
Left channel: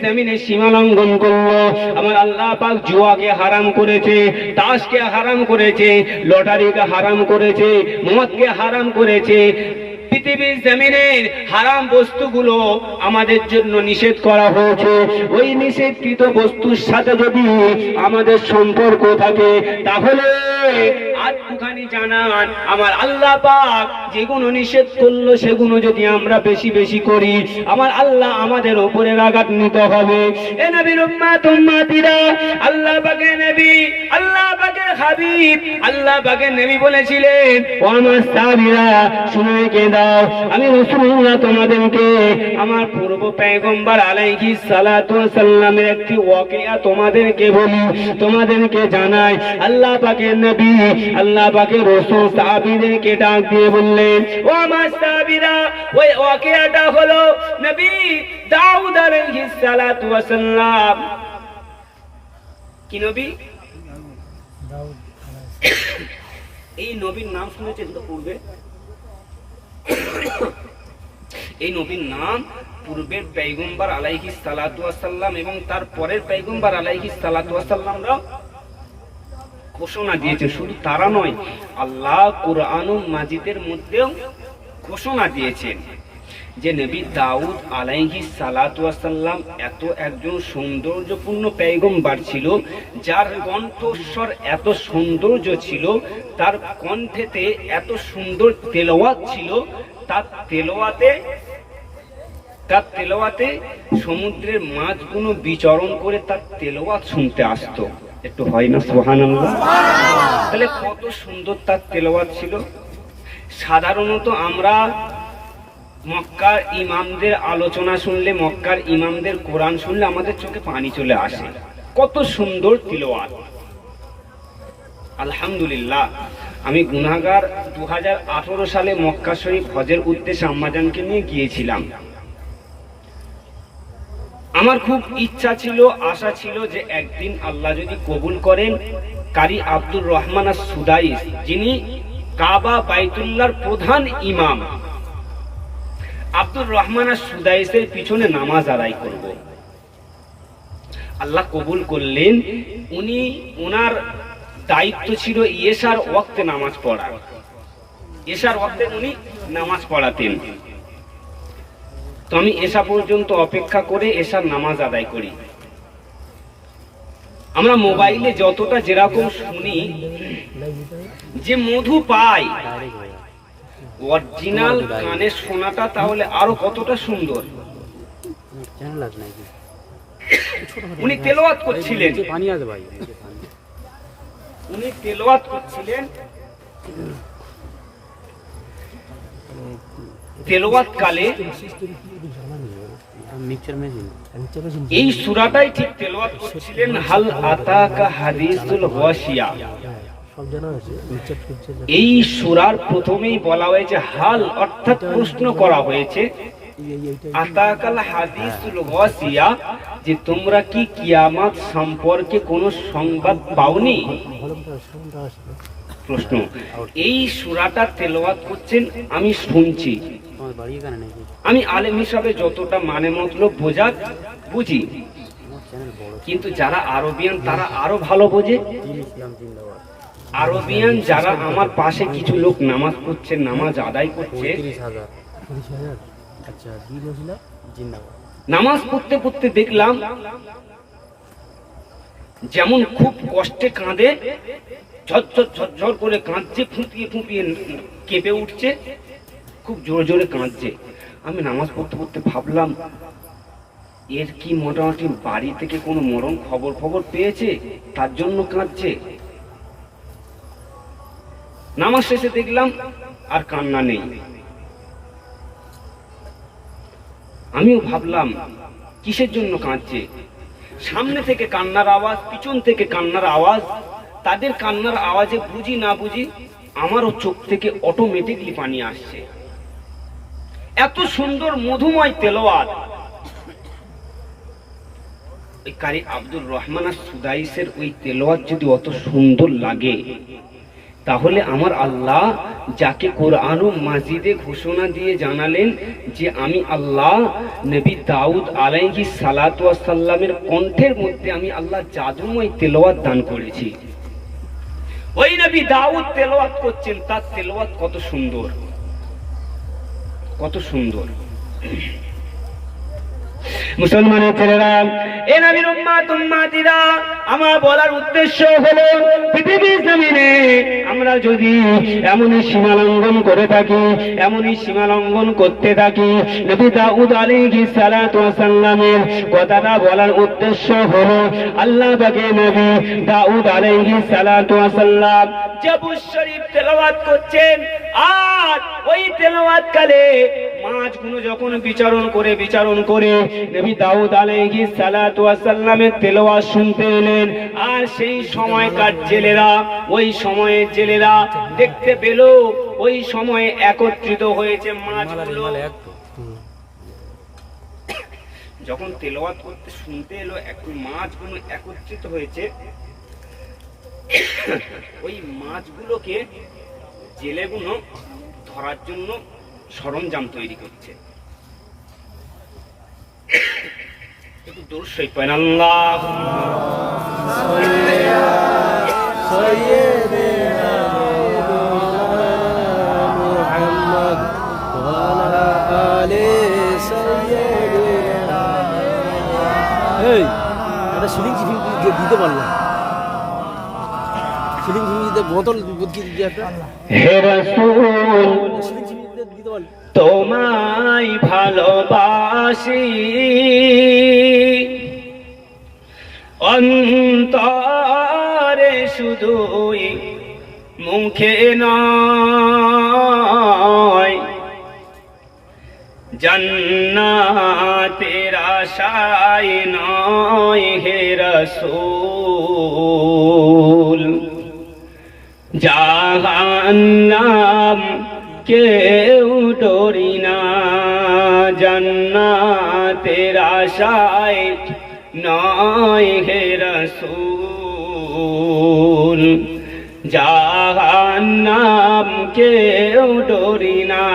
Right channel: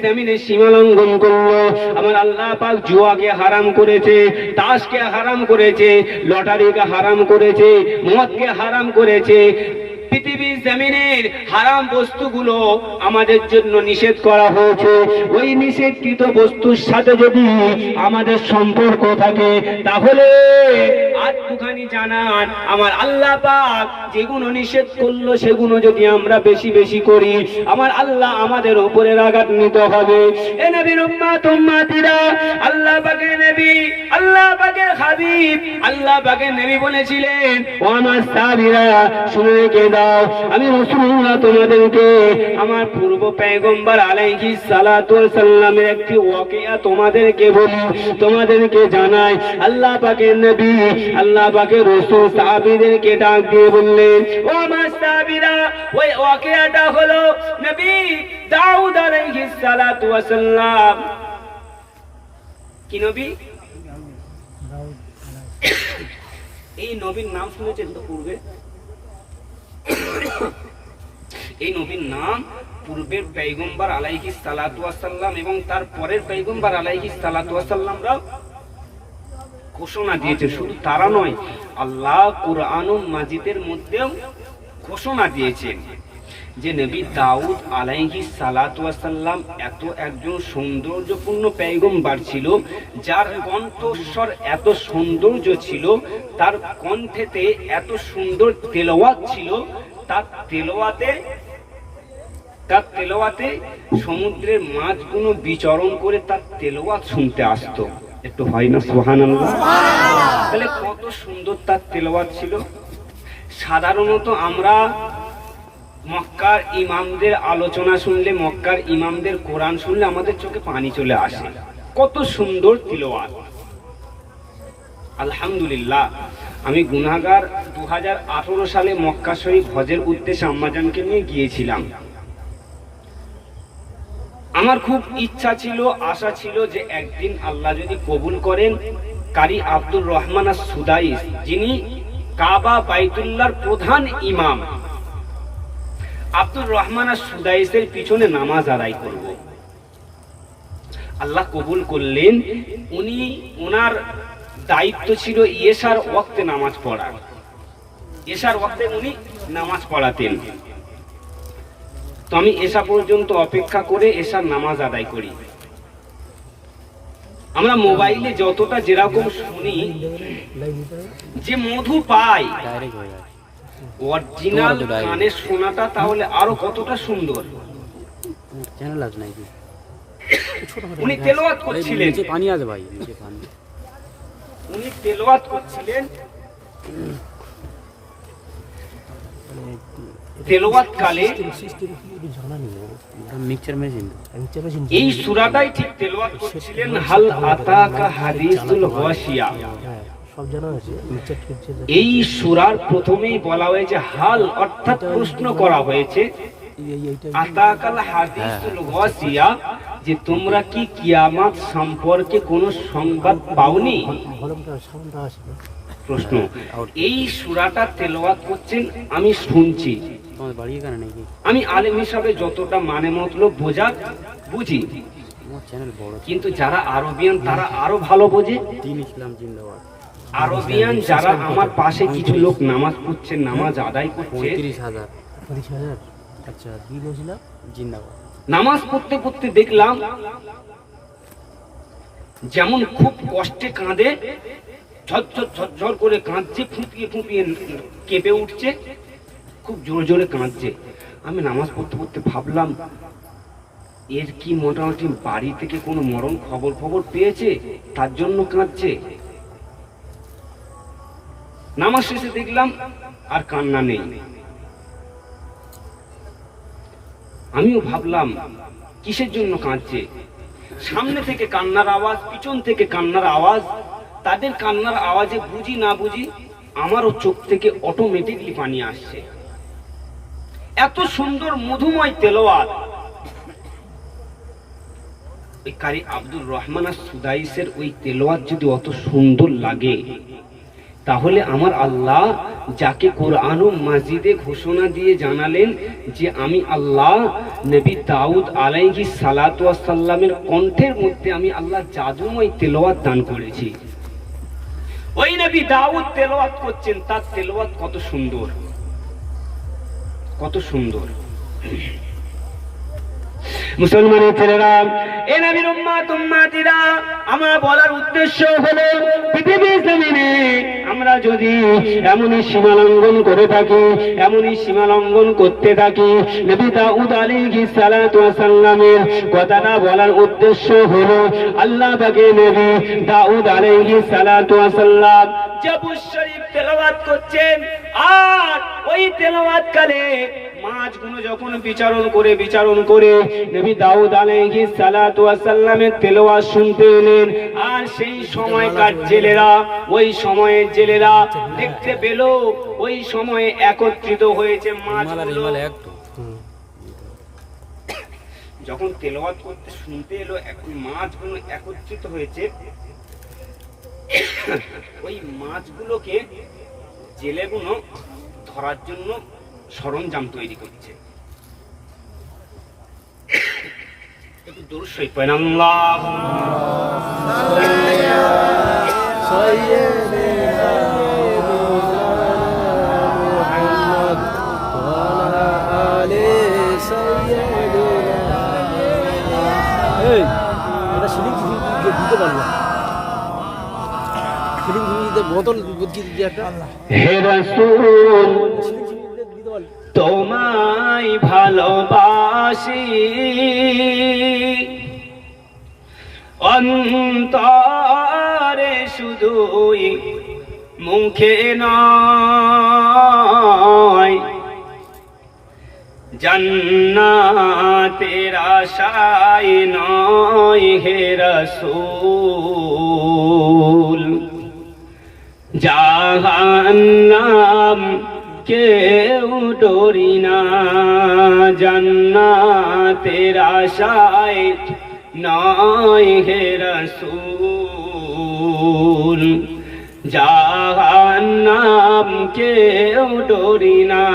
জমিনে সীমা লঙ্ঘন করলো, আমার আল্লাহ পাক জুয়াকে হারাম করেছে, তাসকে হারাম করেছে, লটারিকে হারাম করেছে, মদকে হারাম করেছে। পৃথিবীর জমিনের হারাম বস্তুগুলো আমাদের জন্য নিষেধ করা হয়েছে। ওই নিষেধকৃত বস্তুর সাথে যদি আমাদের সম্পর্ক থাকে, তাহলে আটটুখানি জানান, আমার আল্লাহ পাক যেগুলো নিষেধ করলো সেগুলো যদি আমরা বেশি বেশি করি, আমার আল্লাহ আমাদের উপরে রাগান্বিত হবে। এ নবীর উম্মত উম্মতিরা, আল্লাহ পাকের নবী, আল্লাহ পাকের হাবিব, আল্লাহ পাকের নবী বলেছিলেন, ও আমার সাহাবীরা শুনে রেখে দাও, আমি রাসূলুল্লাহ তোমাদেরকে আমার পূর্ব পয়গম্বর আলাইহিস সালাতু ওয়াস সালামের একটি ওয়াকিয়া তোমাদেরকে বলি, তোমাদেরকে জানাই। আল্লাহ পাকের নবী, আল্লাহ পাকের রাসূল সাহাবীদেরকে ডাক দিয়ে বললেন, ও আমার সাহাবীরা, ওই ওয়াকিয়াটা হলো নবী দাউদ আলাইহিস সালাতু ওয়াস সালাম। কি নবী? দাউদ। এই নবীর নাম শুনেছেন তো পূর্বে? এই নবীর নাম পূর্বের পয়গম্বর আলাইহিস সালাতু ওয়াস সালাম এবং তার পরের পয়গম্বর আলাইহিস সালাতু ওয়াস সালামরা ঘোষণা দিয়েছে। শুধু তারা নয়, আল্লাহ কুরআনুল মাজিদের মধ্যেও ঘোষণা দিয়েছেন যে নবী দাউদ আলাইহিস সালাতু ওয়াস সালাম এত একজন সৌন্দর্যপূর্ণ পয়গম্বর ছিল, যার কণ্ঠস্বর এত সৌন্দর্য ছিল, তার কণ্ঠেতে এত সুন্দর তেলাওয়াত ছিল, তার তেলাওয়াতে সমুদ্রের মাছগুলো বিচরণ করে তার তেলাওয়াত শুনতে আসতো। একটু হয় না সুবহানাল্লাহ? তাহলে কত সুন্দর তার তেলাওয়াত ছিল। সাধারণত আমরা মক্কার ইমামদের আলোচনা শুনলে, মক্কার ইমামদের কোরআন শুনলে আমাদের চোখে পানি চলে আসে, কত সুন্দর তিলাওয়াত। আলহামদুলিল্লাহ, আমি গুনাহগার 2018 সালে মক্কা শরীফ হজের উদ্দেশ্যে আম্মাজানকে নিয়ে গিয়েছিলাম। আমার খুব ইচ্ছা ছিল, আশা ছিল যে একদিন আল্লাহ যদি কবুল করেন, কারি আব্দুর রহমান আস-সুদাইস, যিনি কাবা বাইতুল্লাহর প্রধান ইমাম, আব্দুর রহমান আস-সুদাইসের পিছনে নামাজ আদায় করব। আল্লাহ কবুল করলেন। ওনার দায়িত্ব ছিল ইশার ওয়াক্তে নামাজ পড়া। ইশার ওয়াক্তে উনি নামাজ পড়াতেন। তো আমি এশা পর্যন্ত অপেক্ষা করে এশার নামাজ আদায় করি। আমরা মোবাইলে যতটা যেরকম শুনি যে মধু পাই, অরিজিনাল কানে শোনাটা তাহলে আরো কতটা সুন্দর। উনি তেলাওয়াত করছিলেন, উনি তেলাওয়াত করছিলেন, তেলাওয়াত কালে এই সূরাটাই ঠিক তেলাওয়াত করছিলেন, হাল আতাকা হাদিসুল গাশিয়া। এই সূরার প্রথমেই বলা হয়েছে হাল, অর্থাৎ প্রশ্ন করা হয়েছে, আতাকাল হাদিসুল গাশিয়া, যে তোমরা কি কিয়ামত সম্পর্কে কোনো সংবাদ পাওনি? প্রশ্ন। এই সূরাটা তেলাওয়াত করছেন, আমি শুনছি, আমি আলেম হিসাবে যতটা মানে মতলব বুঝি, কিন্তু যারা আরবিয়ান তারা আরো ভালো বোঝে। আরবিয়ান যারা, আমার পাশে কিছু লোক নামাজ পড়ছে, নামাজ আদায় করছে, নামাজ পড়তে পড়তে দেখলাম যেমন খুব কষ্টে কাঁদে, ঝরঝর ঝরঝর করে কাঁদছে, ফুঁপিয়ে ফুঁপিয়ে কেঁপে উঠছে, খুব জোরে জোরে কাঁদছে। আমি নামাজ পড়তে পড়তে ভাবলাম, এর কি মোটামুটি বাড়ি থেকে কোনো মরণ খবর পেয়েছে, তার জন্য কাঁদছে। নামাজ শেষে দেখলাম আর কান্না নেই। আমিও ভাবলাম কিসের জন্য কাঁদছে। সামনে থেকে কান্নার আওয়াজ, পিছন থেকে কান্নার আওয়াজ, তাদের কান্নার আওয়াজে বুঝি না বুঝি আমারও চোখ থেকে অটোমেটিকলি পানি আসছে। এত সুন্দর মধুময় তেলাওয়াত। ওই কারি আব্দুর রহমান সুদাইসের ওই তেলাওয়াত যদি অত সুন্দর লাগে, তাহলে আমার আল্লাহ যাকে কোরআন ও মাজিদে ঘোষণা দিয়ে জানালেন যে আমি আল্লাহ নবী দাউদ আলাইহিস সালাতু ওয়াস সালামের কণ্ঠের মধ্যে আমি আল্লাহ জাদুময় তেলাওয়াত দান করেছি। ওই নবী দাউদ তেলাওয়াত করছেন, তার তেলাওয়াত কত সুন্দর, কত সুন্দর। মুসলমানের ছেলেরা, এ নবীর উম্মত উম্মাতিরা, আমার বলার উদ্দেশ্য হলো পৃথিবীর জমিনে আমরা যদি এমনই সীমা লঙ্ঘন করে থাকি, এমনই সীমা লঙ্ঘন করতে থাকি, নবী দাউদ আলাইহিস সালাতু ওয়াস সালামের কথাটা বলার উদ্দেশ্য হলো আল্লাহ পাকের নবী দাউদ আলাইহিস সালাতু ওয়াস সালাম জাবুর শরীফ তেলাওয়াত করছেন, আর ওই তেলাওয়াত কালে মাছগুলো যখন বিচারণ করে নবী দাউদ আলাইহিস সালাতু ওয়াস সালামের তেলাওয়াত শুনতে এলেন। আর সেই সময়কার জেলেরা, ওই সময়ের জেলেরা দেখতে পেল ওই সময়ে একত্রিত হয়েছে মাছগুলো। যখন তেলাওয়াত করতে শুনতে এলো, একটু মাছগুলো একত্রিত হয়েছে, ওই মাছগুলোকে জেলেগুলো ধরার জন্য সরঞ্জাম তৈরি করছে। একটু দূর শরীফ পড়েন, আল্লাহুম্মা সাল্লি আলা সাইয়্যিদিনা মুহাম্মদ ওয়া আলা আলি সাইয়্যিদিনা। এই এটা সিলিং দিতে পারলাম, সিলিং দিতে বোতল বুঝিয়ে দিতে একটা। হে রাসূল তোমায় ভালোবাসি, অন্তরে শুধুই মুখে নয়, জান্নাতের আশায় নয় হে রাসূল, জাহান্নাম কেউ ডরি না, জান্নাতের আশায় নয় হে রাসূল, জাহান্নাম কেউ ডরি না।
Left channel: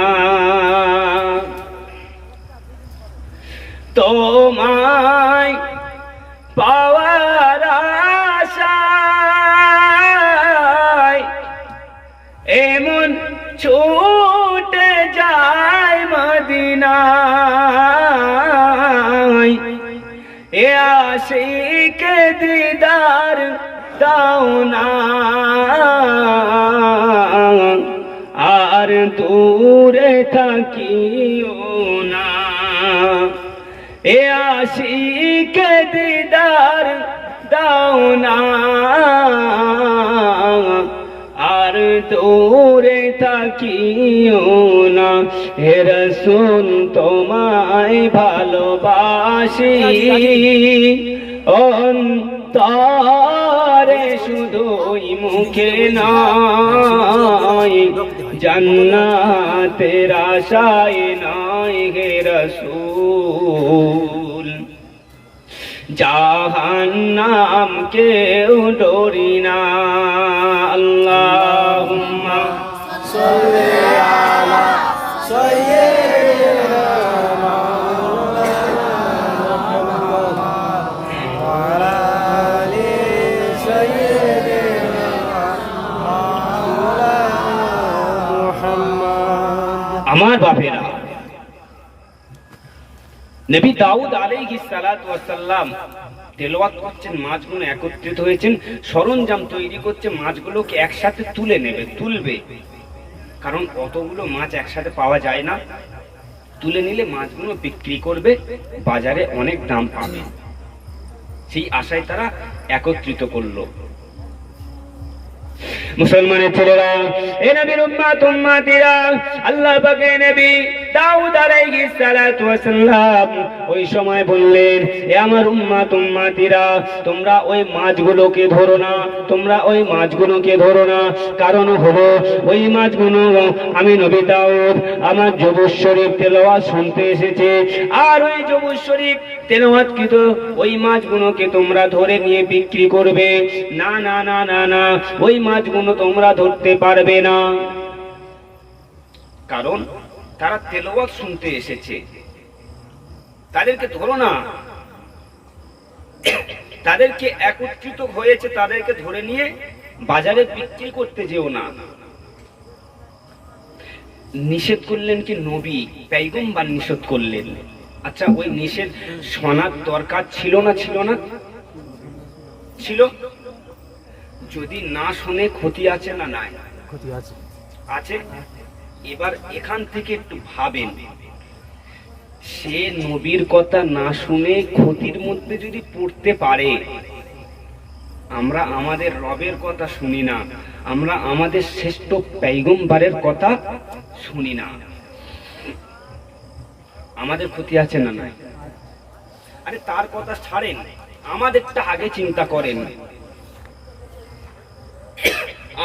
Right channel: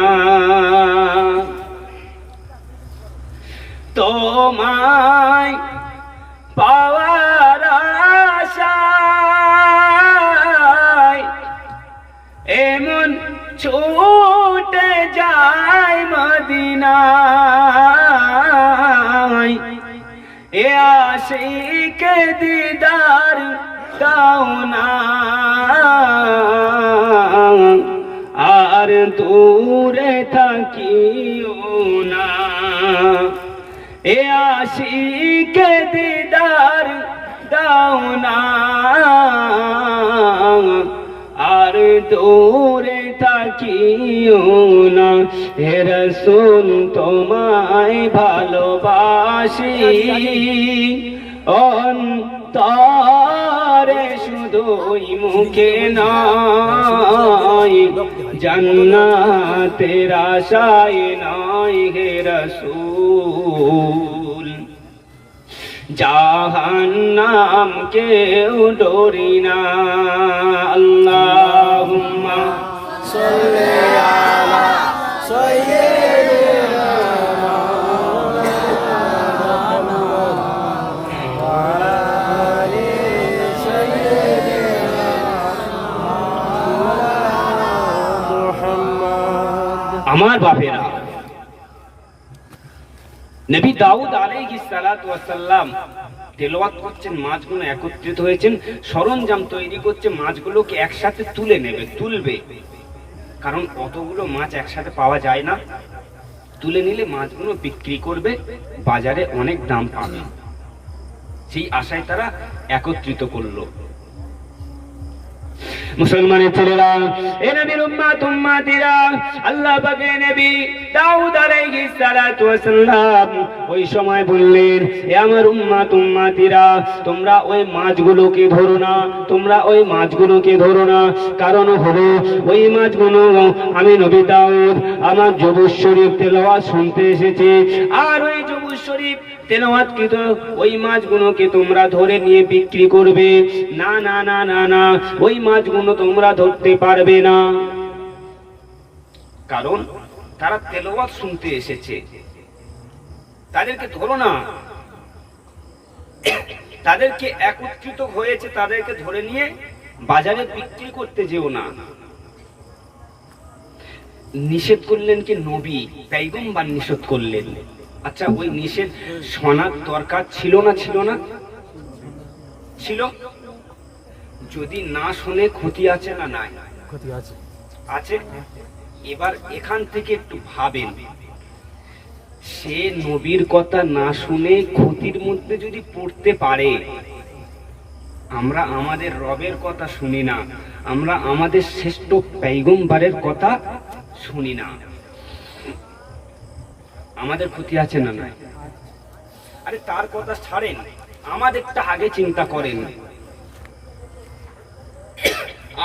তোমায় পাওয়ার আশায় এমন ছুটে যায় মদিনায়, এ আশিকে দিদার দাও না, আর দূরে থাকিও না, এ আশিকে দিদার দাও না, আর দূরে থাকিও না। হে রাসূল তোমায় ভালোবাসি, অন্তরে শুধুই মুখে নয়, জান্নাতের আশায় নয় হে রাসূল, জাহান্নাম কেউ ডরি না। আল্লাহুম্মা সাল্লি আলা সাইয়্যিদিনা মুহাম্মদ ওয়া আলা আলি সাইয়্যিদিনা মুহাম্মদ। আমার বাপেরা, নবী দাউদ আলাইহিস সালাতু ওয়াস সালাম তেলাওয়াত করছেন, মাছগুলো একত্রিত হয়েছেন, সরঞ্জাম তৈরি করছে, মাছগুলোকে একসাথে তুলবে, কারণ অতগুলো মাছ একসাথে পাওয়া যায় না, তুলে নিলে মাছগুলো বিক্রি করবে, বাজারে অনেক দাম পাবে, সেই আশায় তারা একত্রিত করলো। মুসলমানের ছেলেরা, এ নবীর উম্মাতিরা, আল্লাহ পাকের নবী দাউদ আলাইহিস সালাতু ওয়াস সালাম ওই সময় বললেন, এ আমার উম্মাতিরা, তোমরা ওই মাছগুলোকে ধরো না, তোমরা ওই মাছগুলোকে ধরো না। কারণ হলো ওই মাছগুলো আমি নবী দাউদ আমার জবুর শরীফ তেলাওয়াত শুনতে এসেছে, আর ওই জবুর শরীফ তেলাওয়াতকৃত ওই মাছগুলোকে তোমরা ধরে নিয়ে বিক্রি করবে। না না না না না, ওই মাছগুলো তোমরা ধরতে পারবে না, কারণ তারা তেলাওয়াত শুনতে এসেছে, তাদেরকে ধরো না। তাদেরকে একত্রিত হয়েছে, তাদেরকে ধরে নিয়ে বাজারে বিক্রি করতে যেও না। নিষেধ করলেন কি নবী, পয়গম্বর নিষেধ করলেন। আচ্ছা, ওই নিষেধ শোনার দরকার ছিল না? ছিল না? ছিল। যদি না শুনে ক্ষতি আছে না নাই? ক্ষতি আছে, আছে। এবার এখান থেকে একটু ভাবেন, সে নবীর কথা না শুনে ক্ষতির মধ্যে যদি পড়তে পারে, আমরা আমাদের রবের কথা শুনি না, আমরা আমাদের শ্রেষ্ঠ পয়গম্বরের কথা শুনি না, আমাদের ক্ষতি আছে না নাই? আরে তার কথা ছাড়েন, আমাদেরটা আগে চিন্তা করেন।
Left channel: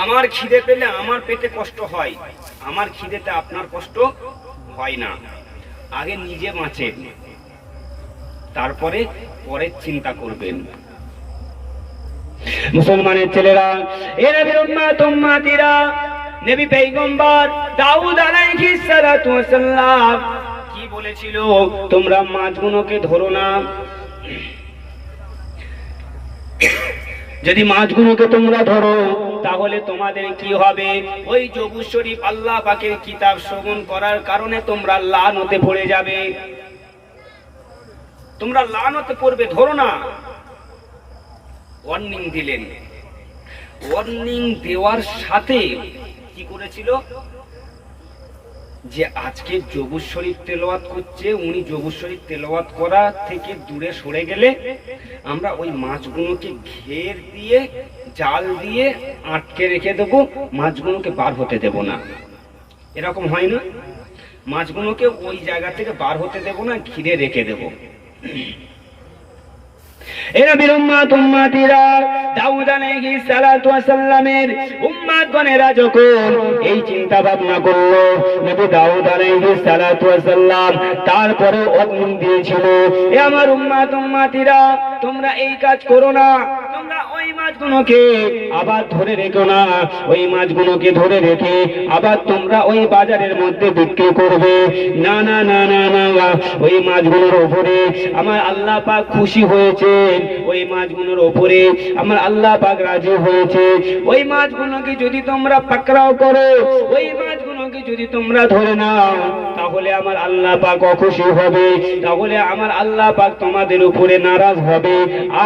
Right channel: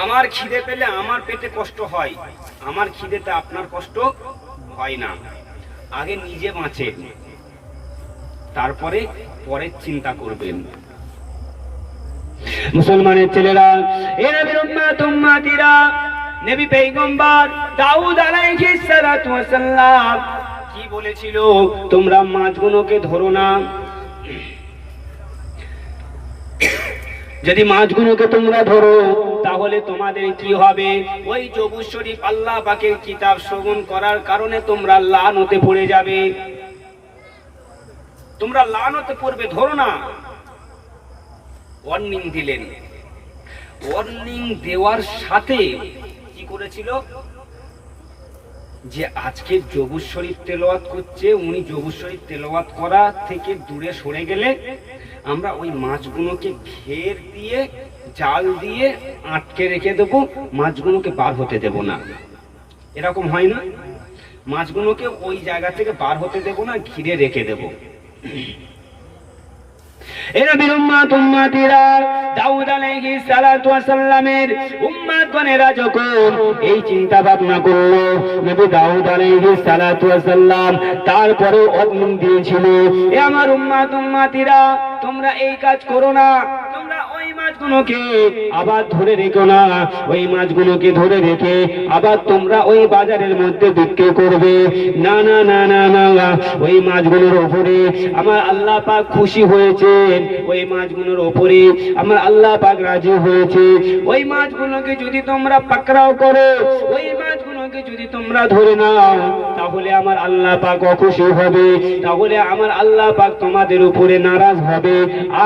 আমার খিদে পেলে আমার পেটে কষ্ট হয়, আমার খিদেতে আপনার কষ্ট হয় না। আগে নিজে বাঁচেন, তারপরে পরের চিন্তা করবেন। মুসলমানের ছেলেরা, এ নবীর উম্মাতিরা, নবী পয়গম্বর দাউদ আলাইহিস সালাতু ওয়াস সালাম কি বলেছিল? তোমরা মাছগুলোকে ধরো না। যদি মাছগুলোকে তোমরা ধরো, তাহলে তোমাদের কি হবে? ওই জবুর শরীফ আল্লাহ পাকের কিতাব শ্রবণ করার কারণে তোমরা লানতে পড়ে যাবে, তোমরা লানতে পড়বে, ধরো না। ওয়ার্নিং দিলেন। ওয়ার্নিং দেওয়ার সাথে কি করেছিল? যে আজকে জবুর শরীফ তেলাওয়াত করছে, উনি জবুর শরীফ তেলাওয়াত করা থেকে দূরে সরে গেলে আমরা ওই মাছগুলোকে ঘের দিয়ে, জাল দিয়ে আটকে রেখে দেবো, মাছগুলোকে বার হতে দেব না। এরকম হয় না? মাছগুলোকে ওই জায়গা থেকে বার হতে দেব না, ঘিরে রেখে দেব। এরা নবীর উম্মাতিরা, দাউদ আলাইহিস সালাতু ওয়াস সালামের উম্মাতগণেরা যখন এই চিন্তা ভাবনা করলো, নবী দাউদ আলাইহিস সালাতু ওয়াস সালাম তারপরে ওয়ার্নিং দিয়েছিল, এ আমার উম্মাতিরা, তোমরা এই কাজ করো না, তোমরা ওই মাছগুলোকে আবার ধরে রেখো না, ওই মাছগুলোকে ধরে রেখে আবার তোমরা ওই বাজারের মধ্যে বিক্রি করবে। না না না না না, ওই মাছগুলোর উপরে আমার আল্লাহ পাক খুশি হয়েছে, ওই মাছগুলোর উপরে আমার আল্লাহ পাক রাজি হয়েছে। ওই মাছগুলোকে যদি তোমরা পাকড়াও করো, ওই মাছগুলোকে যদি তোমরা ধরে নাও, তাহলে আমার আল্লাহ পাক অখুশি হবে, তাহলে আমার আল্লাহ পাক তোমাদের উপরে নারাজ হবে।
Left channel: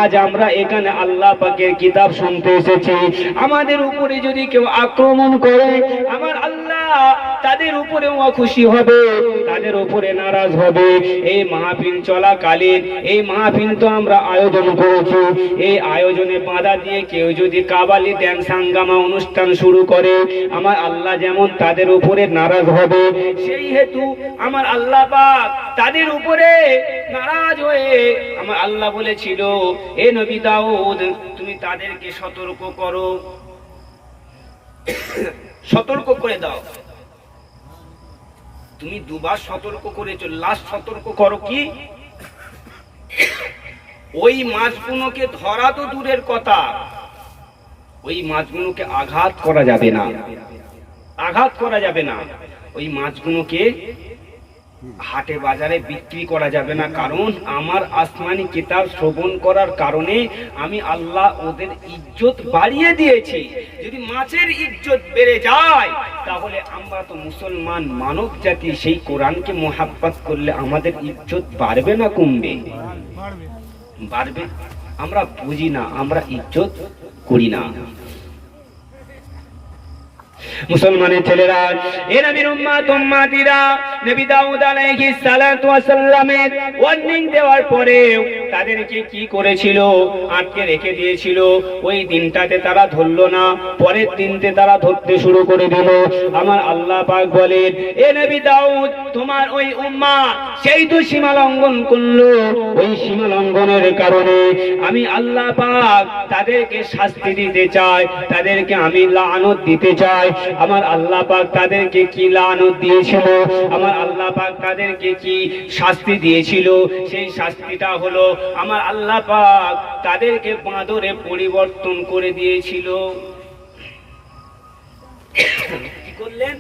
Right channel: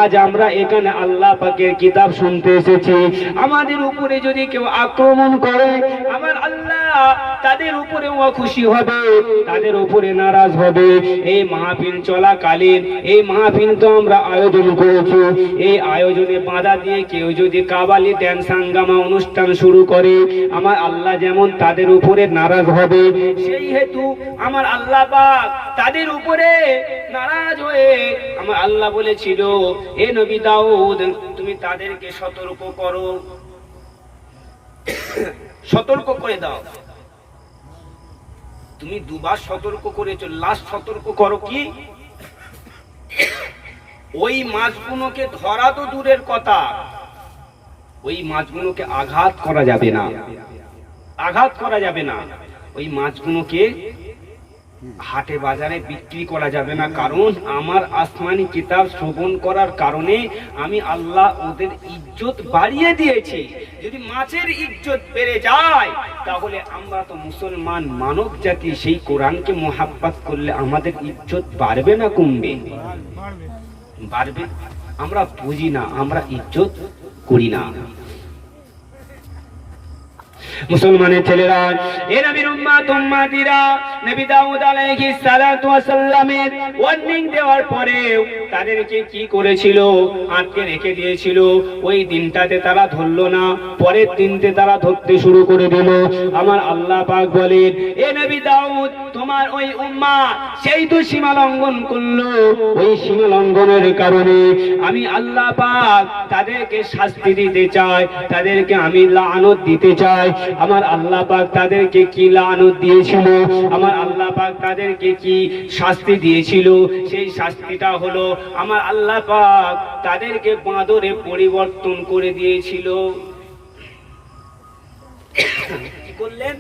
আজ আমরা এখানে আল্লাহ পাকের কিতাব শুনতে এসেছি, আমাদের উপরে যদি কেউ আক্রমণ করে, আমার আল্লাহ তাদের উপরে অখুশি হবে, তাদের উপরে নারাজ হবে। এই মাহফিল চলাকালীন, এই মাহফিল তো আমরা আয়োজন করেছি, এই আয়োজনে বাধা দিয়ে কেউ যদি কাবালি ড্যান্স হাঙ্গামা অনুষ্ঠান শুরু করে, আমার আল্লাহ যেমন তাদের উপরে নারাজ হবে, সেই হেতু আমার আল্লাহ পাক তাদের উপরে নারাজ হয়ে আমার আল্লাহ বলেছিল, এ নবী দাউদ, তুমি তাদেরকে সতর্ক করো, সতর্ক করে দাও। তুমি দুবার সতর্ক করেছো, লাস্ট সতর্ক করো কি? ওই মাছগুলোকে ধরা তো দূরের কথা, ওই মাছগুলোকে আঘাত করা যাবে না, আঘাত করা যাবে না। ওই মাছগুলোকে হাটে বাজারে বিক্রি করা যাবে না, কারণ আমার আসমানি কিতাব শ্রবণ করার কারণে আমি আল্লাহ ওদের ইজ্জত বাড়িয়ে দিয়েছি। যদি মাছের ইজ্জত বেড়ে যায়, তাহলে আমরা তো মুসলমান মানব জাতি, সেই কোরআনকে মোহাব্বত করলে আমাদের ইজ্জত বাড়বে না কমবে? বাড়বে। আমরা বুঝি না, আমরা ইজ্জত করি না। মুসলমানের ছেলেরা, এ নবীর উম্মাতিরা নবী দাউদ আলাইহিস সালাতু ওয়াস সালামের ওয়ার্নিং দেওয়ার পরেও তাদেরকে কি করেছিল? আটকে রেখে দিয়েছিল। ওই দিনটাতে তারা ধরলো না, পরের দিনতে তারা ধরতে শুরু করে দিল। আমার আল্লাহ পাক বলেন, এ নবী দাউদ, তোমার ওই উম্মাহ সেই তো সীমা লঙ্ঘন করলো। ওই সীমা লঙ্ঘনের কারণে আমি আল্লাহ পাক তাদেরকে শাস্তি দিতে চাই, তাদেরকে আমি লানত দিতে চাই। আমার আল্লাহ পাক তাদেরকে কি লানত দিয়েছিল? আমার আল্লাহ পাক তাদেরকে কি শাস্তি দিয়েছিল? সেই শাস্তিটা হলো আমার আল্লাহ পাক তাদেরকে বাঁদরে পরিবর্তন করে দিয়েছিল। কি করলেন?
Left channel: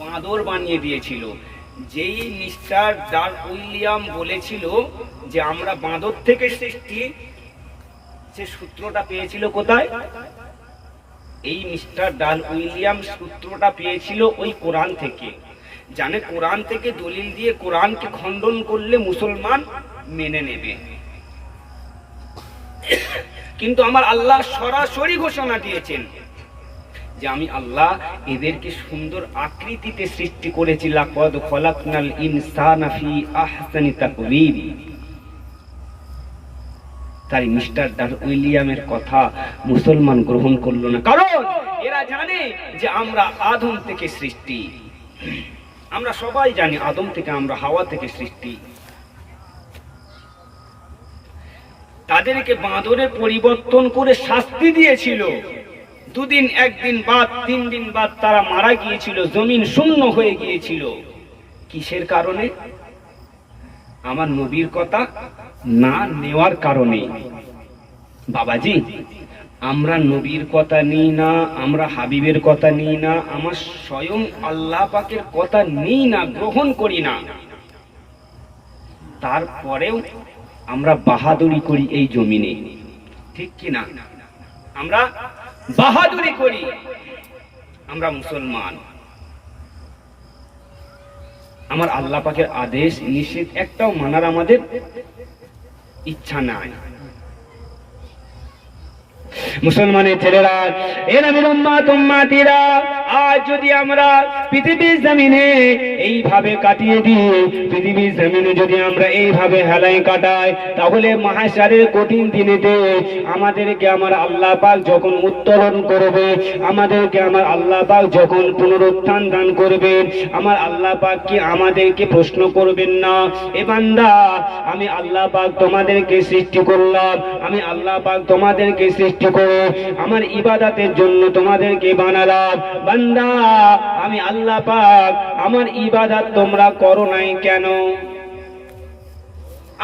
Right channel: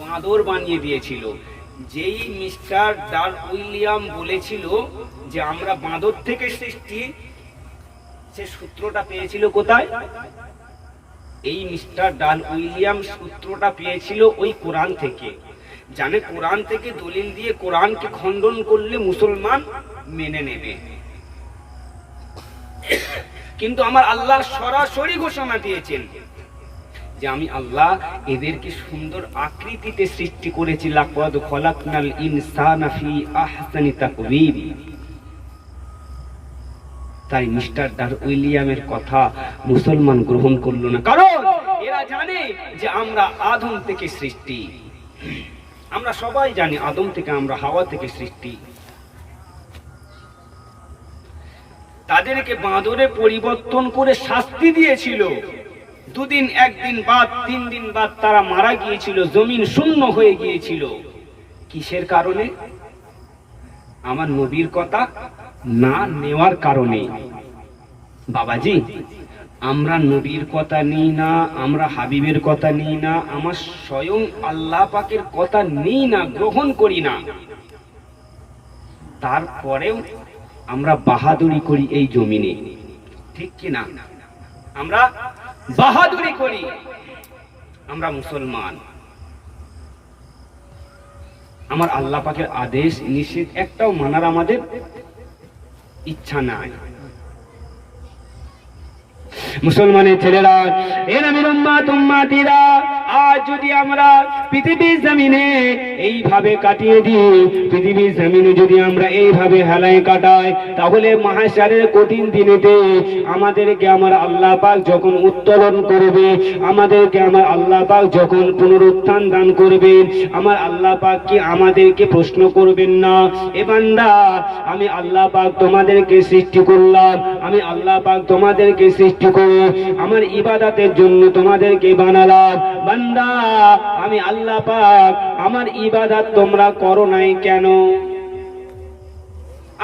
বাঁদর বানিয়ে দিয়েছিল। যেই মিস্টার ডারউইলিয়াম বলেছিল যে আমরা বাঁদর থেকে সৃষ্টি, সে সূত্রটা পেয়েছিল কোথায়? এই মিস্টার ডারউইলিয়াম সূত্রটা পেয়েছিল ওই কোরআন থেকে। জানে কোরআন থেকে দলিল দিয়ে কোরআনকে খণ্ডন করলে মুসলমান মেনে নেবে। কিন্তু আমার আল্লাহ সরাসরি ঘোষণা দিয়েছেন যে আমি আল্লাহ এদেরকে সুন্দর আকৃতিতে সৃষ্টি করেছি। লাকাদ খলাকনাল ইনসানা ফি আহসানি তাকওয়িম। তাই মিস্টার ডারউইলিয়ামের কথা মুসলমান গ্রহণ করলো না, কারণ এরা জানে যে আমরা আদম থেকে সৃষ্টি। আমরা সবাই জানি আদম থেকে, আমরা হাওয়া থেকে সৃষ্টি। তাদেরকে বাঁদরে পরিবর্তন করে শাস্তি দিয়েছিল। দুদিন, একদিন বাদ, 3 দিন বাদ তারা মারা গিয়েছিল, জমিন শূন্য হয়ে গিয়েছিল। কিসের কারণে? আমার নবীর কথা না নেওয়ার কারণে। বাবাজি, আমরা নবীর কথা নিই না, আমরা হাবিবের কথা নিই না, আমার স্বয়ং আল্লাহ পাকের কথা নিই না, গ্রহণ করি না। তারপরেও আমরা বাহাদুরি করি এই জমিনে, ঠিক কি না? আমরা বাহাদুরি করি। আমরা মুসলমান। আমার আল্লাহ পাকের আদেশ নিষেধ একটাও মানার আমাদের ইচ্ছা নাই। মুসলমানের ছেলেরা, এ নবীর উম্মাতিরা, আজ যদি আমরা পৃথিবীর জমিনে এইভাবে কাটিয়ে দিই, পৃথিবীর জমিনে যদি আমরা এইভাবে হেলায় কাটাই, তাহলে মাহশারের কঠিন দিনেতে আমাদেরকে আমার আল্লাহ পাক যখন উত্তোলন করবে, আমাদেরকে আমার আল্লাহ পাক যখন পুনরুত্থান দান করবেন, আমার আল্লাহ পাক কি আমাদেরকে প্রশ্ন করবেন না? এ বান্দা, আমি আল্লাহ পাক তোমাদেরকে সৃষ্টি করলাম, আমি আল্লাহ পাক তোমাদেরকে সৃষ্টি করে আমার ইবাদতের জন্য তোমাদেরকে বানালাম। বান্দা, আমি আল্লাহ পাক আমার ইবাদত তোমরা করো নাই কেন?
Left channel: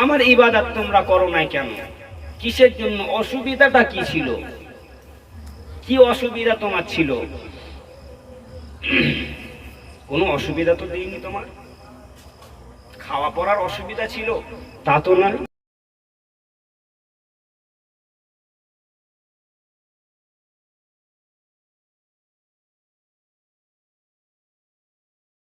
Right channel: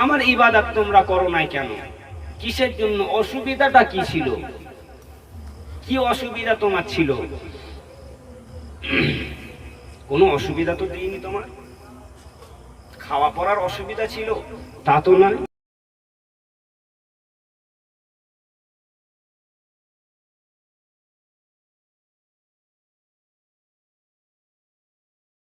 আমার ইবাদত তোমরা করো নাই কেন? কিসের জন্য? অসুবিধাটা কি ছিল? কি অসুবিধা তোমার ছিল? কোনো অসুবিধা তো দেইনি তোমার। খাওয়া পড়ার অসুবিধা ছিল তা তো নয়।